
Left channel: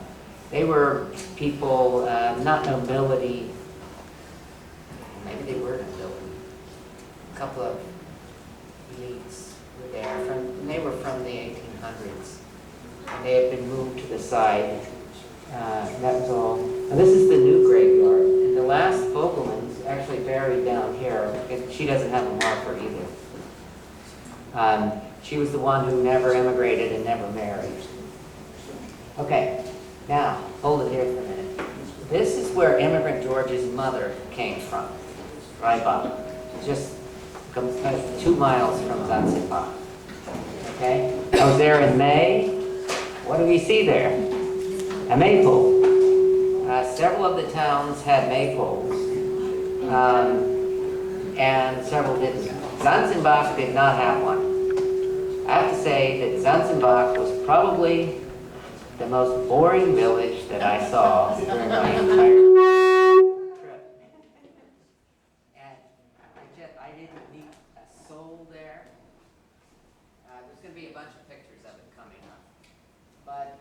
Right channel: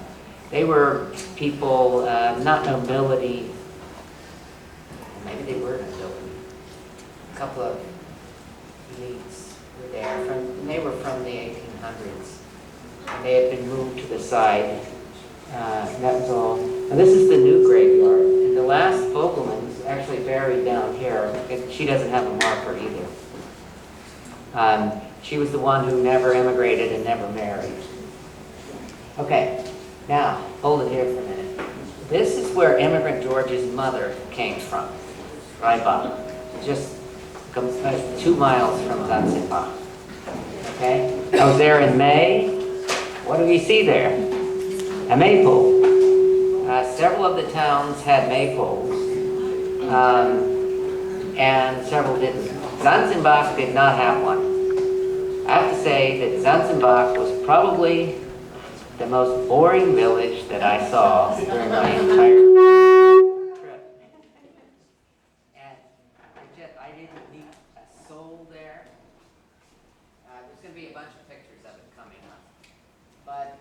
They were people, not nobility. Maybe they were nobility. A couple of elites were there. They were from the 1800s. And they had been moved to the side. That was all. Now this is the new graveyard. And the last Fogleman is actually buried down here. She doesn't have a marker either. She was the one who never immigrated and never married. Okay, now, hold it here for a minute. This is where Immigrant George's mother came from, Reibach. Just 2 miles from Zanzibar. Okay? I was there in May. What do we see there? A maypole. Several of the towns had maypoles, and several didn't. Zanzibar did not have one. I have to say that Zanzibar was probably the most boring village that I saw during my entire trip. And I didn't meet a soul there. There's going to be a bunch of pictures of it coming up. But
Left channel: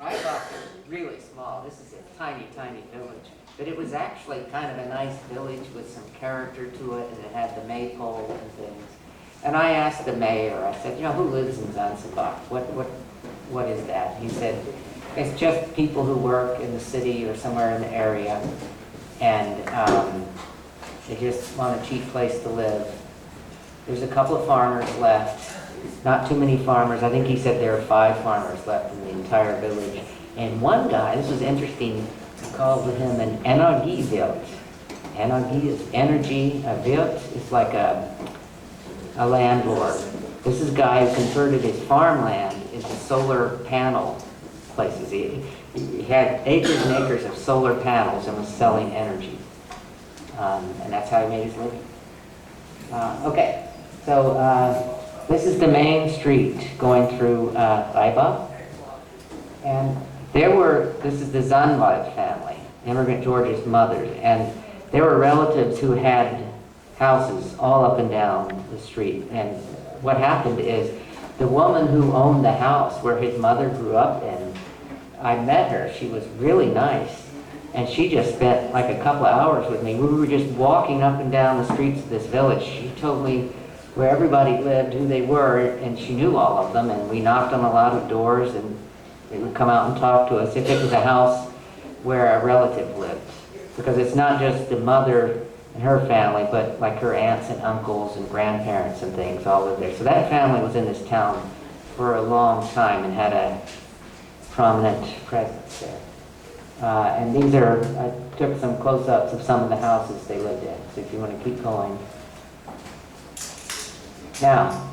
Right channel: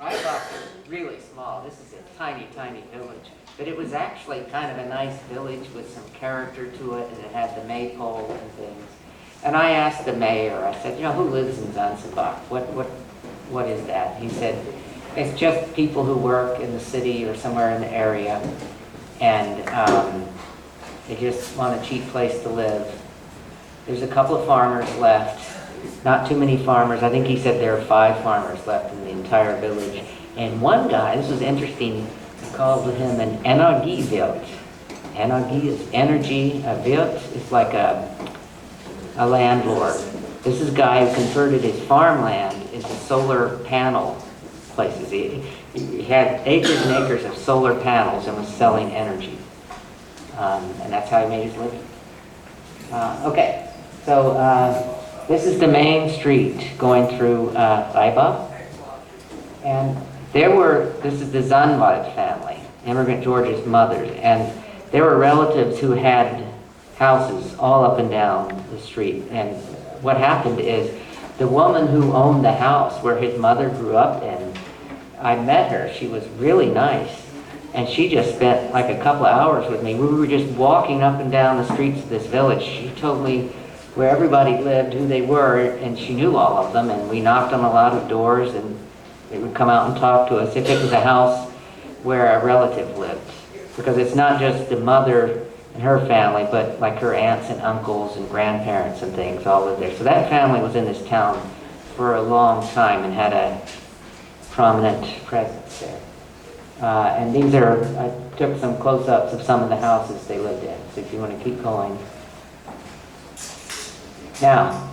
Reibach is really small. This is a tiny, tiny village. But it was actually kind of a nice village with some character to it, and it had the maypole and things. And I asked the mayor, I said, who lives in Zanzibar? What is that? He said, it's just people who work in the city or somewhere in the area, and they just want a cheap place to live. There's a couple of farmers left, not too many farmers. I think he said there are 5 farmers left in the entire village. And one guy, this was interesting, called him an Energiewirt. Energie is energy, a Wirt is like a landlord. This is a guy who converted his farmland into solar panel places. He had acres and acres of solar panels and was selling energy. And that's how he made his living. Okay, so this is the main street going through Reibach. And this is the Zandwald family, Immigrant George's mother, and there were relatives who had houses all up and down the street. And what happened is the woman who owned the house where his mother grew up in, I met her. She was really nice. And she just spent like a couple of hours with me. We were just walking up and down the streets of this village. She told me where everybody lived, who they were, and she knew all of them. And we knocked on a lot of doors, and they would come out and talk to us if it was a house where a relative lived. Because it's not just the mother and her family, but like her aunts and uncles and grandparents and things all lived there. So that family was in this town for a long time and had a prominent presence there. And these are, I took some close-ups of some of the houses they lived in, so if you want to keep going. Now,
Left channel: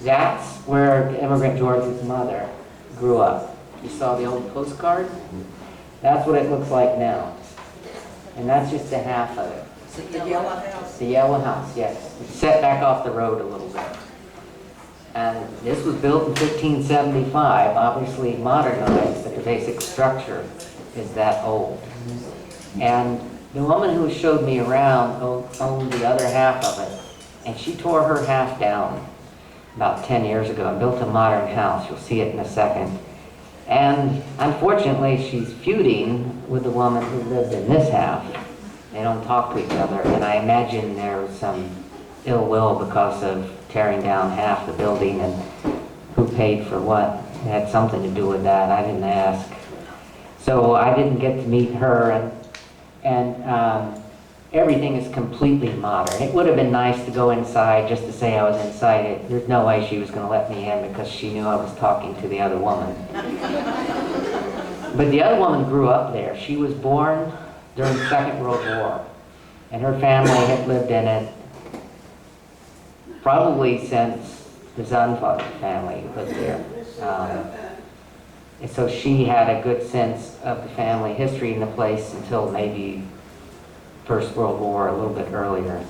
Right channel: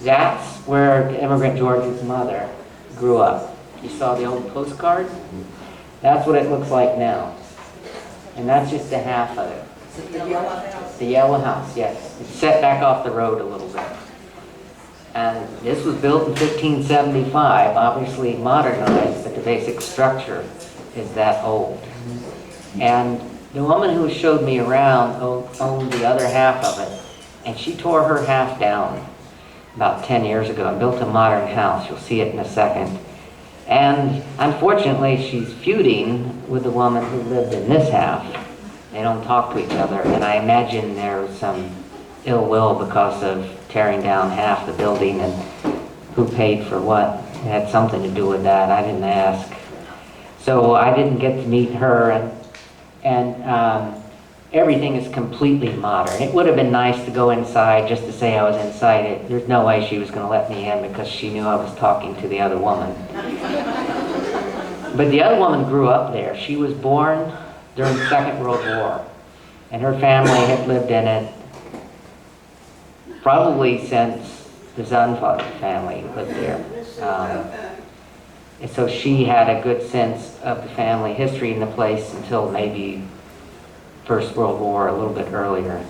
that's where Immigrant George's mother grew up. You saw the old postcard? That's what it looks like now. And that's just a half of it. Is it the yellow house? The yellow house, yes. It's set back off the road a little bit. And this was built in 1575, obviously modernized, but the basic structure is that old. And the woman who showed me around owned the other half of it, and she tore her half down about 10 years ago and built a modern house. You'll see it in a second. And unfortunately, she's feuding with the woman who lived in this half. They don't talk to each other, and I imagine there was some ill will because of tearing down half the building and who paid for what. It had something to do with that. I didn't ask. So I didn't get to meet her, and everything is completely modern. It would have been nice to go inside just to say I was inside it. There's no way she was going to let me in because she knew I was talking to the other woman. But the other woman grew up there. She was born during the Second World War, and her family had lived in it probably since the Zandwald family lived there. And so she had a good sense of the family history in the place until maybe First World War, a little bit earlier.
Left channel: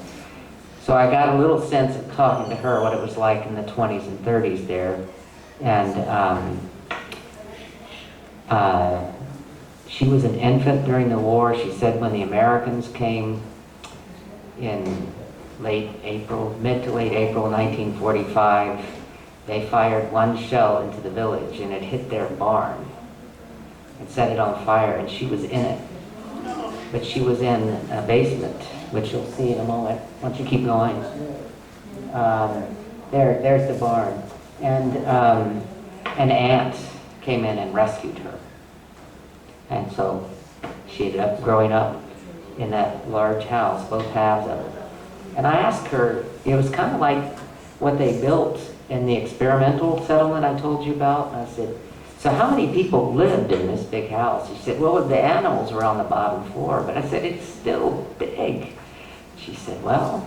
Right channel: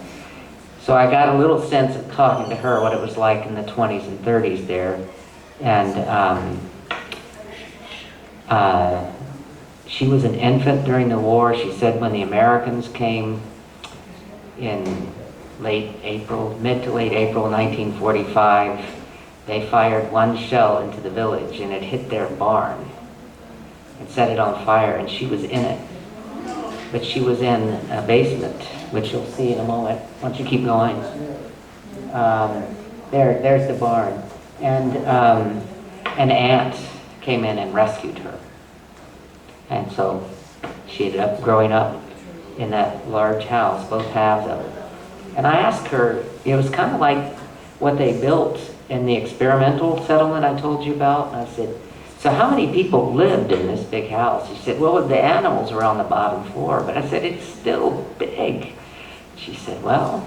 So I got a little sense of talking to her what it was like in the 20s and 30s there. And she was an infant during the war. She said when the Americans came in mid to late April 1945, they fired one shell into the village and it hit their barn and set it on fire, and she was in it. But she was in a basement, which you'll see in a moment. Why don't you keep going? There's the barn. And an aunt came in and rescued her. And so she ended up growing up in that large house, both halves of it. And I asked her, it was kind of like what they built in the experimental settlement I told you about. And I said, so how many people lived in this big house? She said, well, the animals were on the bottom floor. But I said, it's still big. She said, well,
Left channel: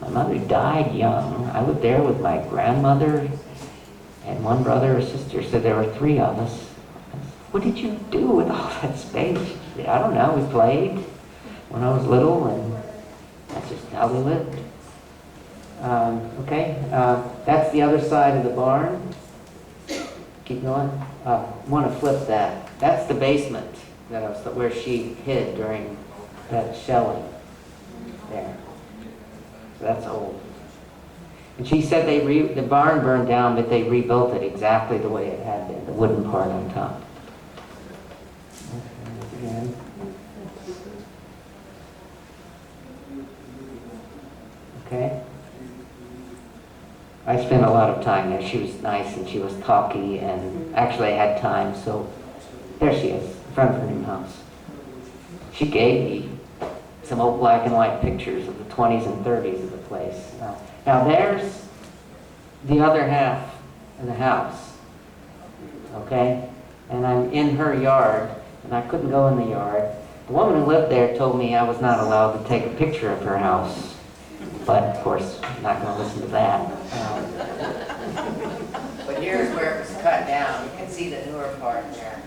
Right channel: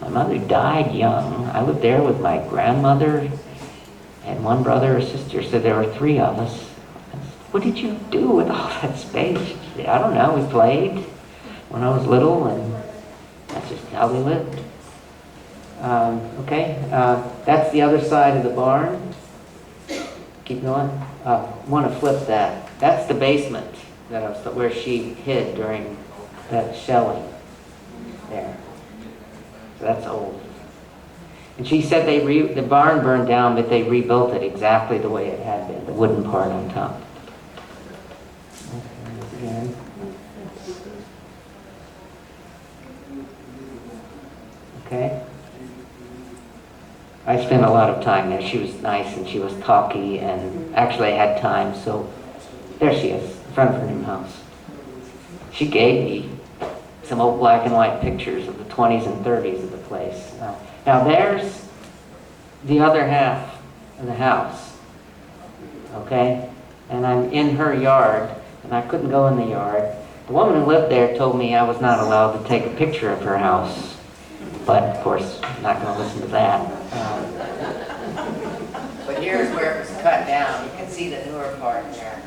my mother died young. I lived there with my grandmother and one brother or sister. So there were 3 of us. I said, what did you do with all that space? She said, I don't know. We played when I was little, and that's just how we lived. That's the other side of the barn. Keep going. I want to flip that. That's the basement where she hid during that shelling there. So that's old. And she said the barn burned down, but they rebuilt it exactly the way it had been, the wooden part on top. Again. Okay. I spent a lot of time there. She was nice and she was talky, and actually I had time, so there she is, in front of her new house. She gave me some old black and white pictures of the 20s and 30s of the place. Now there's the other half of the house, okay? And I'm in her yard, and I couldn't go in the yard. The woman who lived there told me I was not allowed to take a picture of her house. But of course, I'm not going to listen to that. But here's where it was cut down. You can see the newer part there.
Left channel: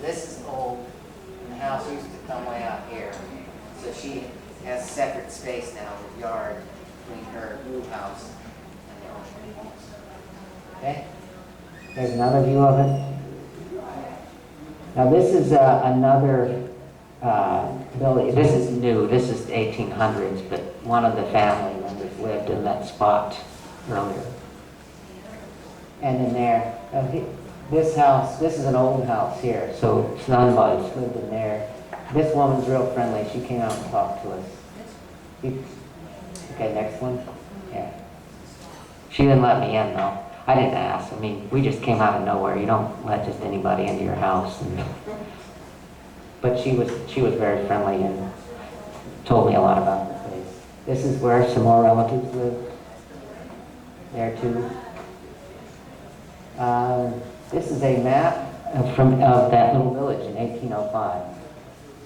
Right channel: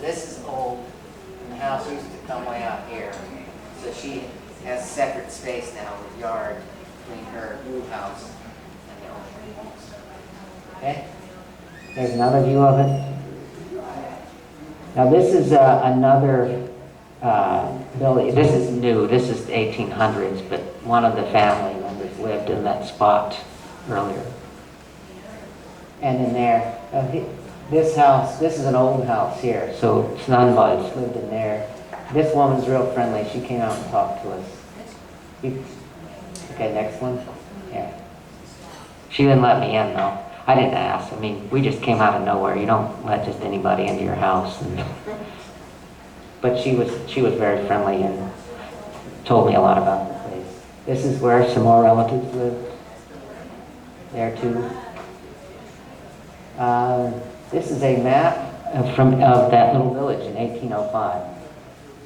This is old, and the house used to come way out here. So she has separate space now with yard between her new house and the old house. Okay? There's another view of it. Now this is another building. This is new. This is 1800s, but one of the family members lived in that spot earlier. And in there, this house, this is an old house here, so Snunbuds lived in there. This woman's real friendly. She came out and talked to us. Okay, next one. Yeah. She didn't let me in though. I didn't ask. I mean, we just came out of nowhere. You don't let just anybody into your house. But she was very friendly and told me a lot about the place. This is where some more relatives lived. There too. This is a map of that little village in 1805.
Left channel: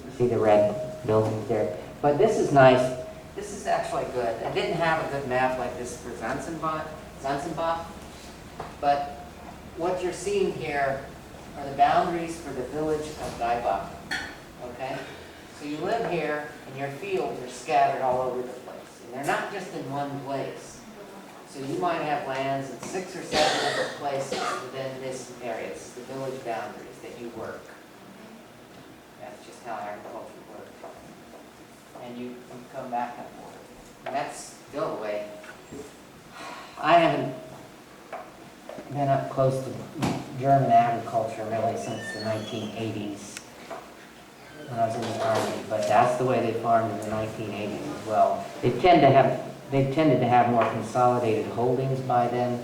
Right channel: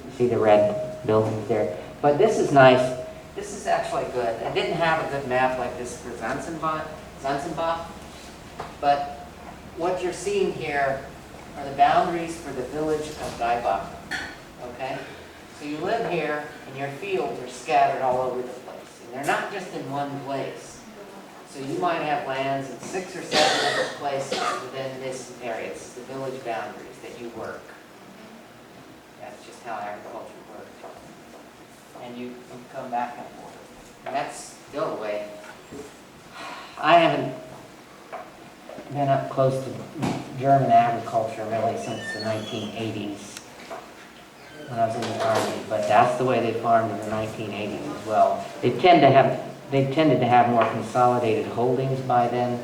You see the red buildings there. But this is nice. This is actually good. I didn't have a good map like this for Zanzibar, but what you're seeing here are the boundaries for the village of Gaibach. Okay? So you live here, and your fields are scattered all over the place. And they're not just in one place. So you might have lands in 6 or 7 different places within this area. It's the village boundaries that you work. That's just how agriculture works. And you come back and forth. And that's still the way. I haven't been up close to German agriculture really since the 1980s when I was in the Army, but that's the way they farmed in the 1980s as well. They tended to have more consolidated holdings by then,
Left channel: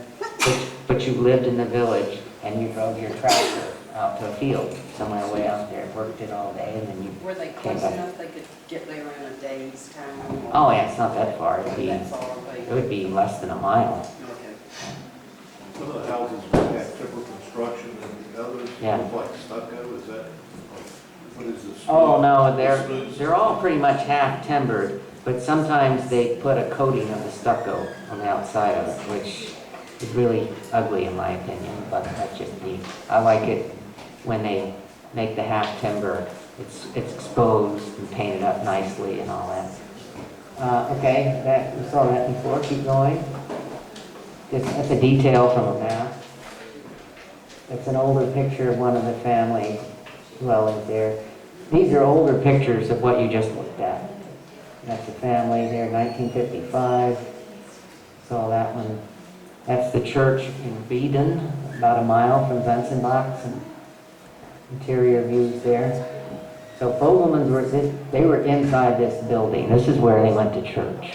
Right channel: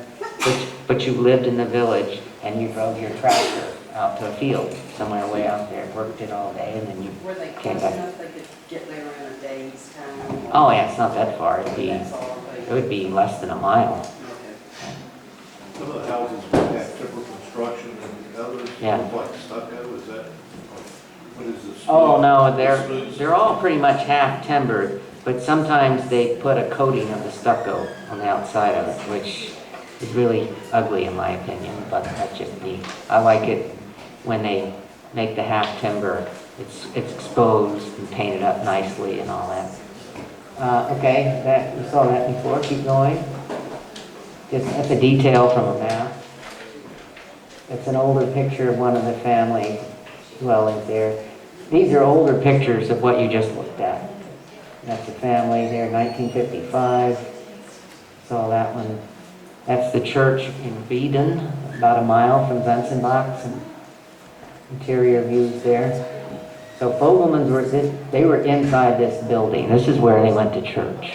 but you lived in the village and you drove your tractor out to a field somewhere way out there, worked it all day, and then you Were they came close back. enough they could get there in a day's time? Oh yeah, it's not that far. That's all It would be less than a mile. Okay. Some of the houses would have timber construction and others Yeah. look like stucco, is that, what is this? Oh no, they're all pretty much half timbered, but sometimes they put a coating of the stucco on the outside of it, which is really ugly in my opinion, but that's just me. I like it when they make the half timber. It's exposed and painted up nicely and all that. Okay, you saw that before. Keep going. That's a detail from a map. It's an older picture of one of the family dwellings there. These are older pictures of what you just looked at. That's the family there, 1955. Saw that one. That's the church in Wieden, about a mile from Zenzenbach. Some interior views there. So Fogleman's they were inside this building. This is where they went to church.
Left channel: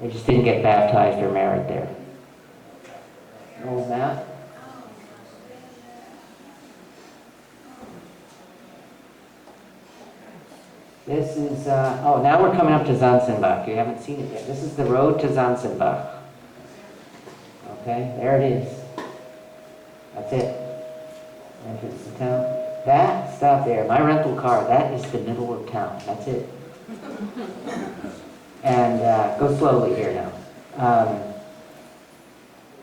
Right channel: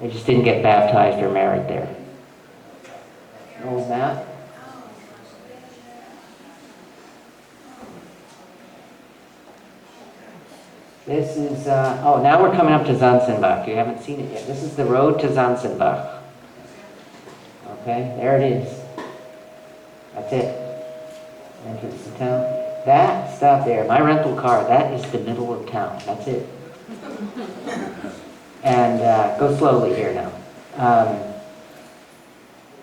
They just didn't get baptized or married there. An old map. This is, now we're coming up to Zanzenbach. You haven't seen it yet. This is the road to Zanzenbach. Okay, there it is. That's it. Entrance to town. That stuff there, my rental car, that is the middle of town. That's it. And go slowly here now.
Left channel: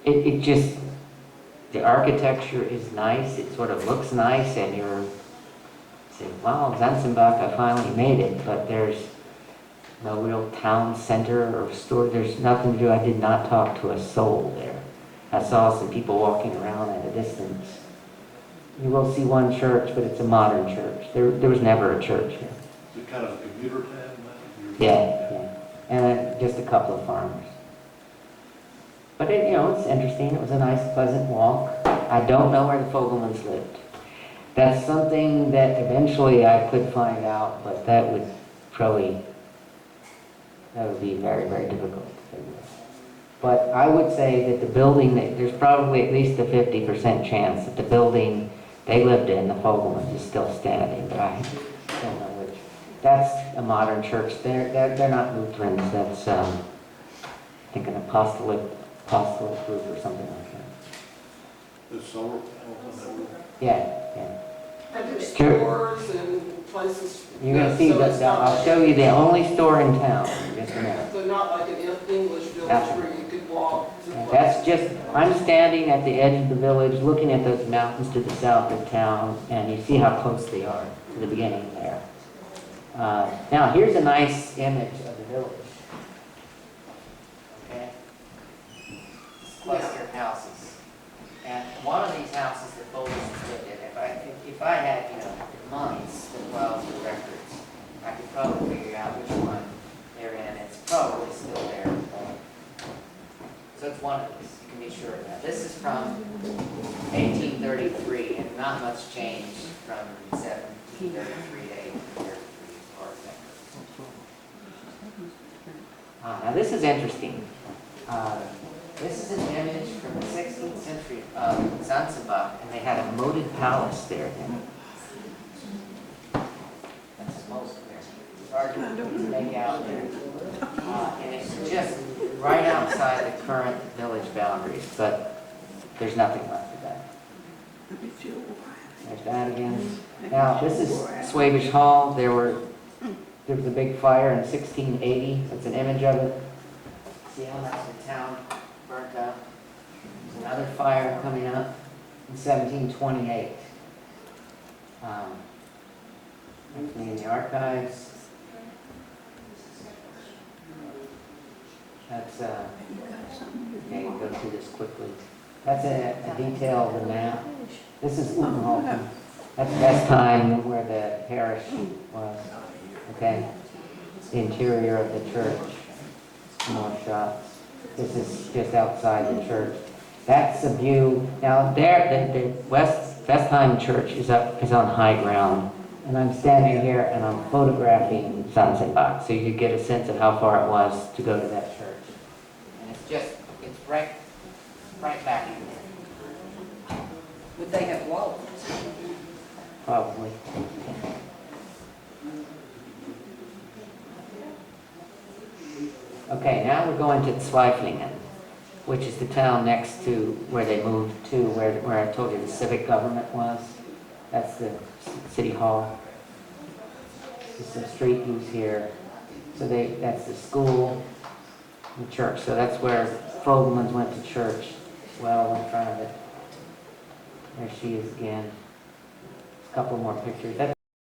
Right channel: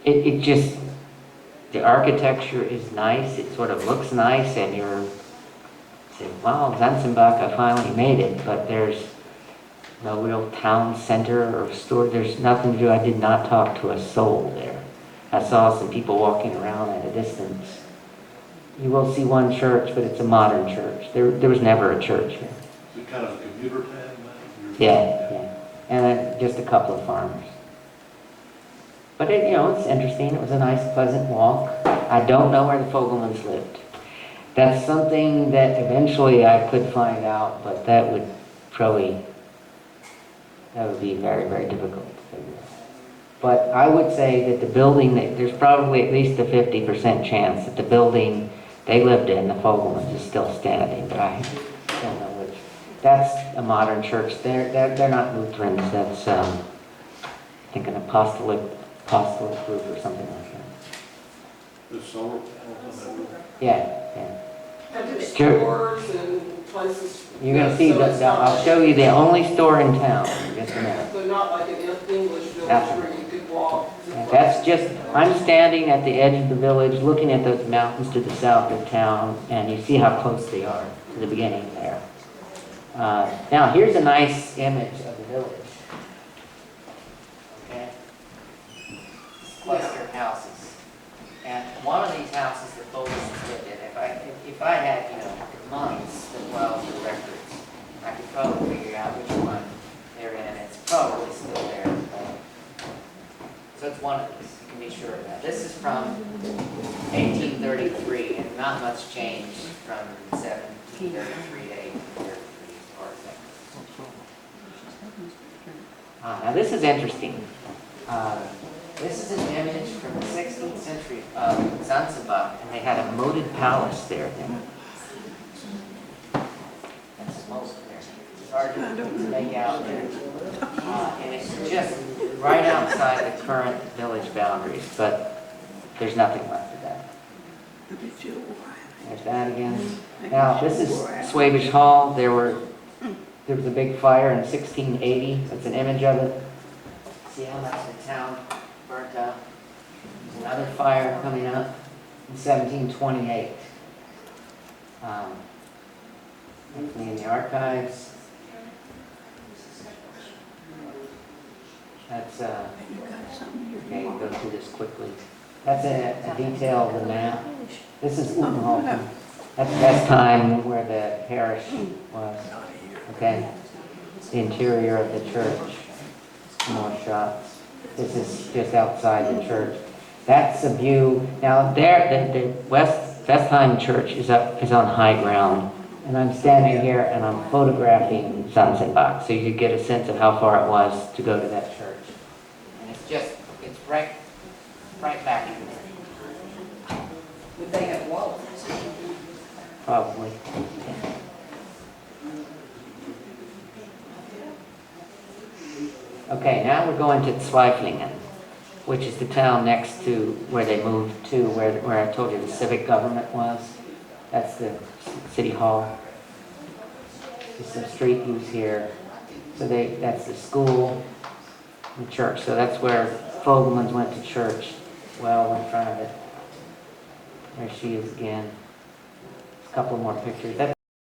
It just, the architecture is nice. It sort of looks nice, and you're saying, wow, Zanzenbach, I finally made it. But there's no real town center or store. There's nothing to do. I did not talk to a soul there. I saw some people walking around at a distance. You will see one church, but it's a modern church. There was never a church here. Is it kind of a commuter town? Yeah. And just a couple of farmers. But it's interesting. It was a nice, pleasant walk. I don't know where the Foglemans lived. That's something that eventually I could find out, but that would be very, very difficult to figure out. But I would say that the building, there's probably at least a 50% chance that the building they lived in, the Foglemans, is still standing, but I don't know which. That's a modern church. They're not Lutherans. That's, I think, an apostolic group or something like that. There's solar panels on that roof? Yeah. And there's Sure. stores and places. You're going to see so it's not I'll like- show you the only store in town in just a minute. So not like an English village Absolutely. where you could walk. to That's places. just, I'm standing at the edge of the village, looking at those mountains to the south of town, and you see how close they are to the beginning there. Now, here's a nice image of the village. Okay? Cluster houses. And one of these houses, the Foglemans lived in it. if I had, months to file the records, I could probably figure out which one they're in. It's probably still there. So it's one of these, you can be sure of that. This is from 1833, and not much changed from 1733 to 1833 as far as that goes. Now this is interesting. This is an image from the 16th century of Zanzibar, and they had a moated palace there then. That's a moat there. It's hard to make out there. And it's just right outside the current village boundaries, but there's nothing left of that. There's that again. Now, this is Swabish Hall. There was a big fire in 1680. That's an image of it. See how much the town burnt up. There's another fire coming up in 1728. That's me in the archives. That's, okay, we'll go through this quickly. That's a detail of the map. This is Wüerttemberg. That's the best time where the parish was. Okay? The interior of the church. Some more shots. This is just outside the church. That's a view. Now there, the Westheim Church is on high ground. And I'm standing here and I'm photographing Zanzibar, so you get a sense of how far it was to go to that church. And it's right back in there. Would they have walls? Probably. Okay, now we're going to Zweiflingen, which is the town next to where they moved to, where I told you the civic government was. That's the city hall. There's some street views here. So that's the school and church. So that's where Fogleman's went to church. Well, in front of it. There she is again. A couple more pictures.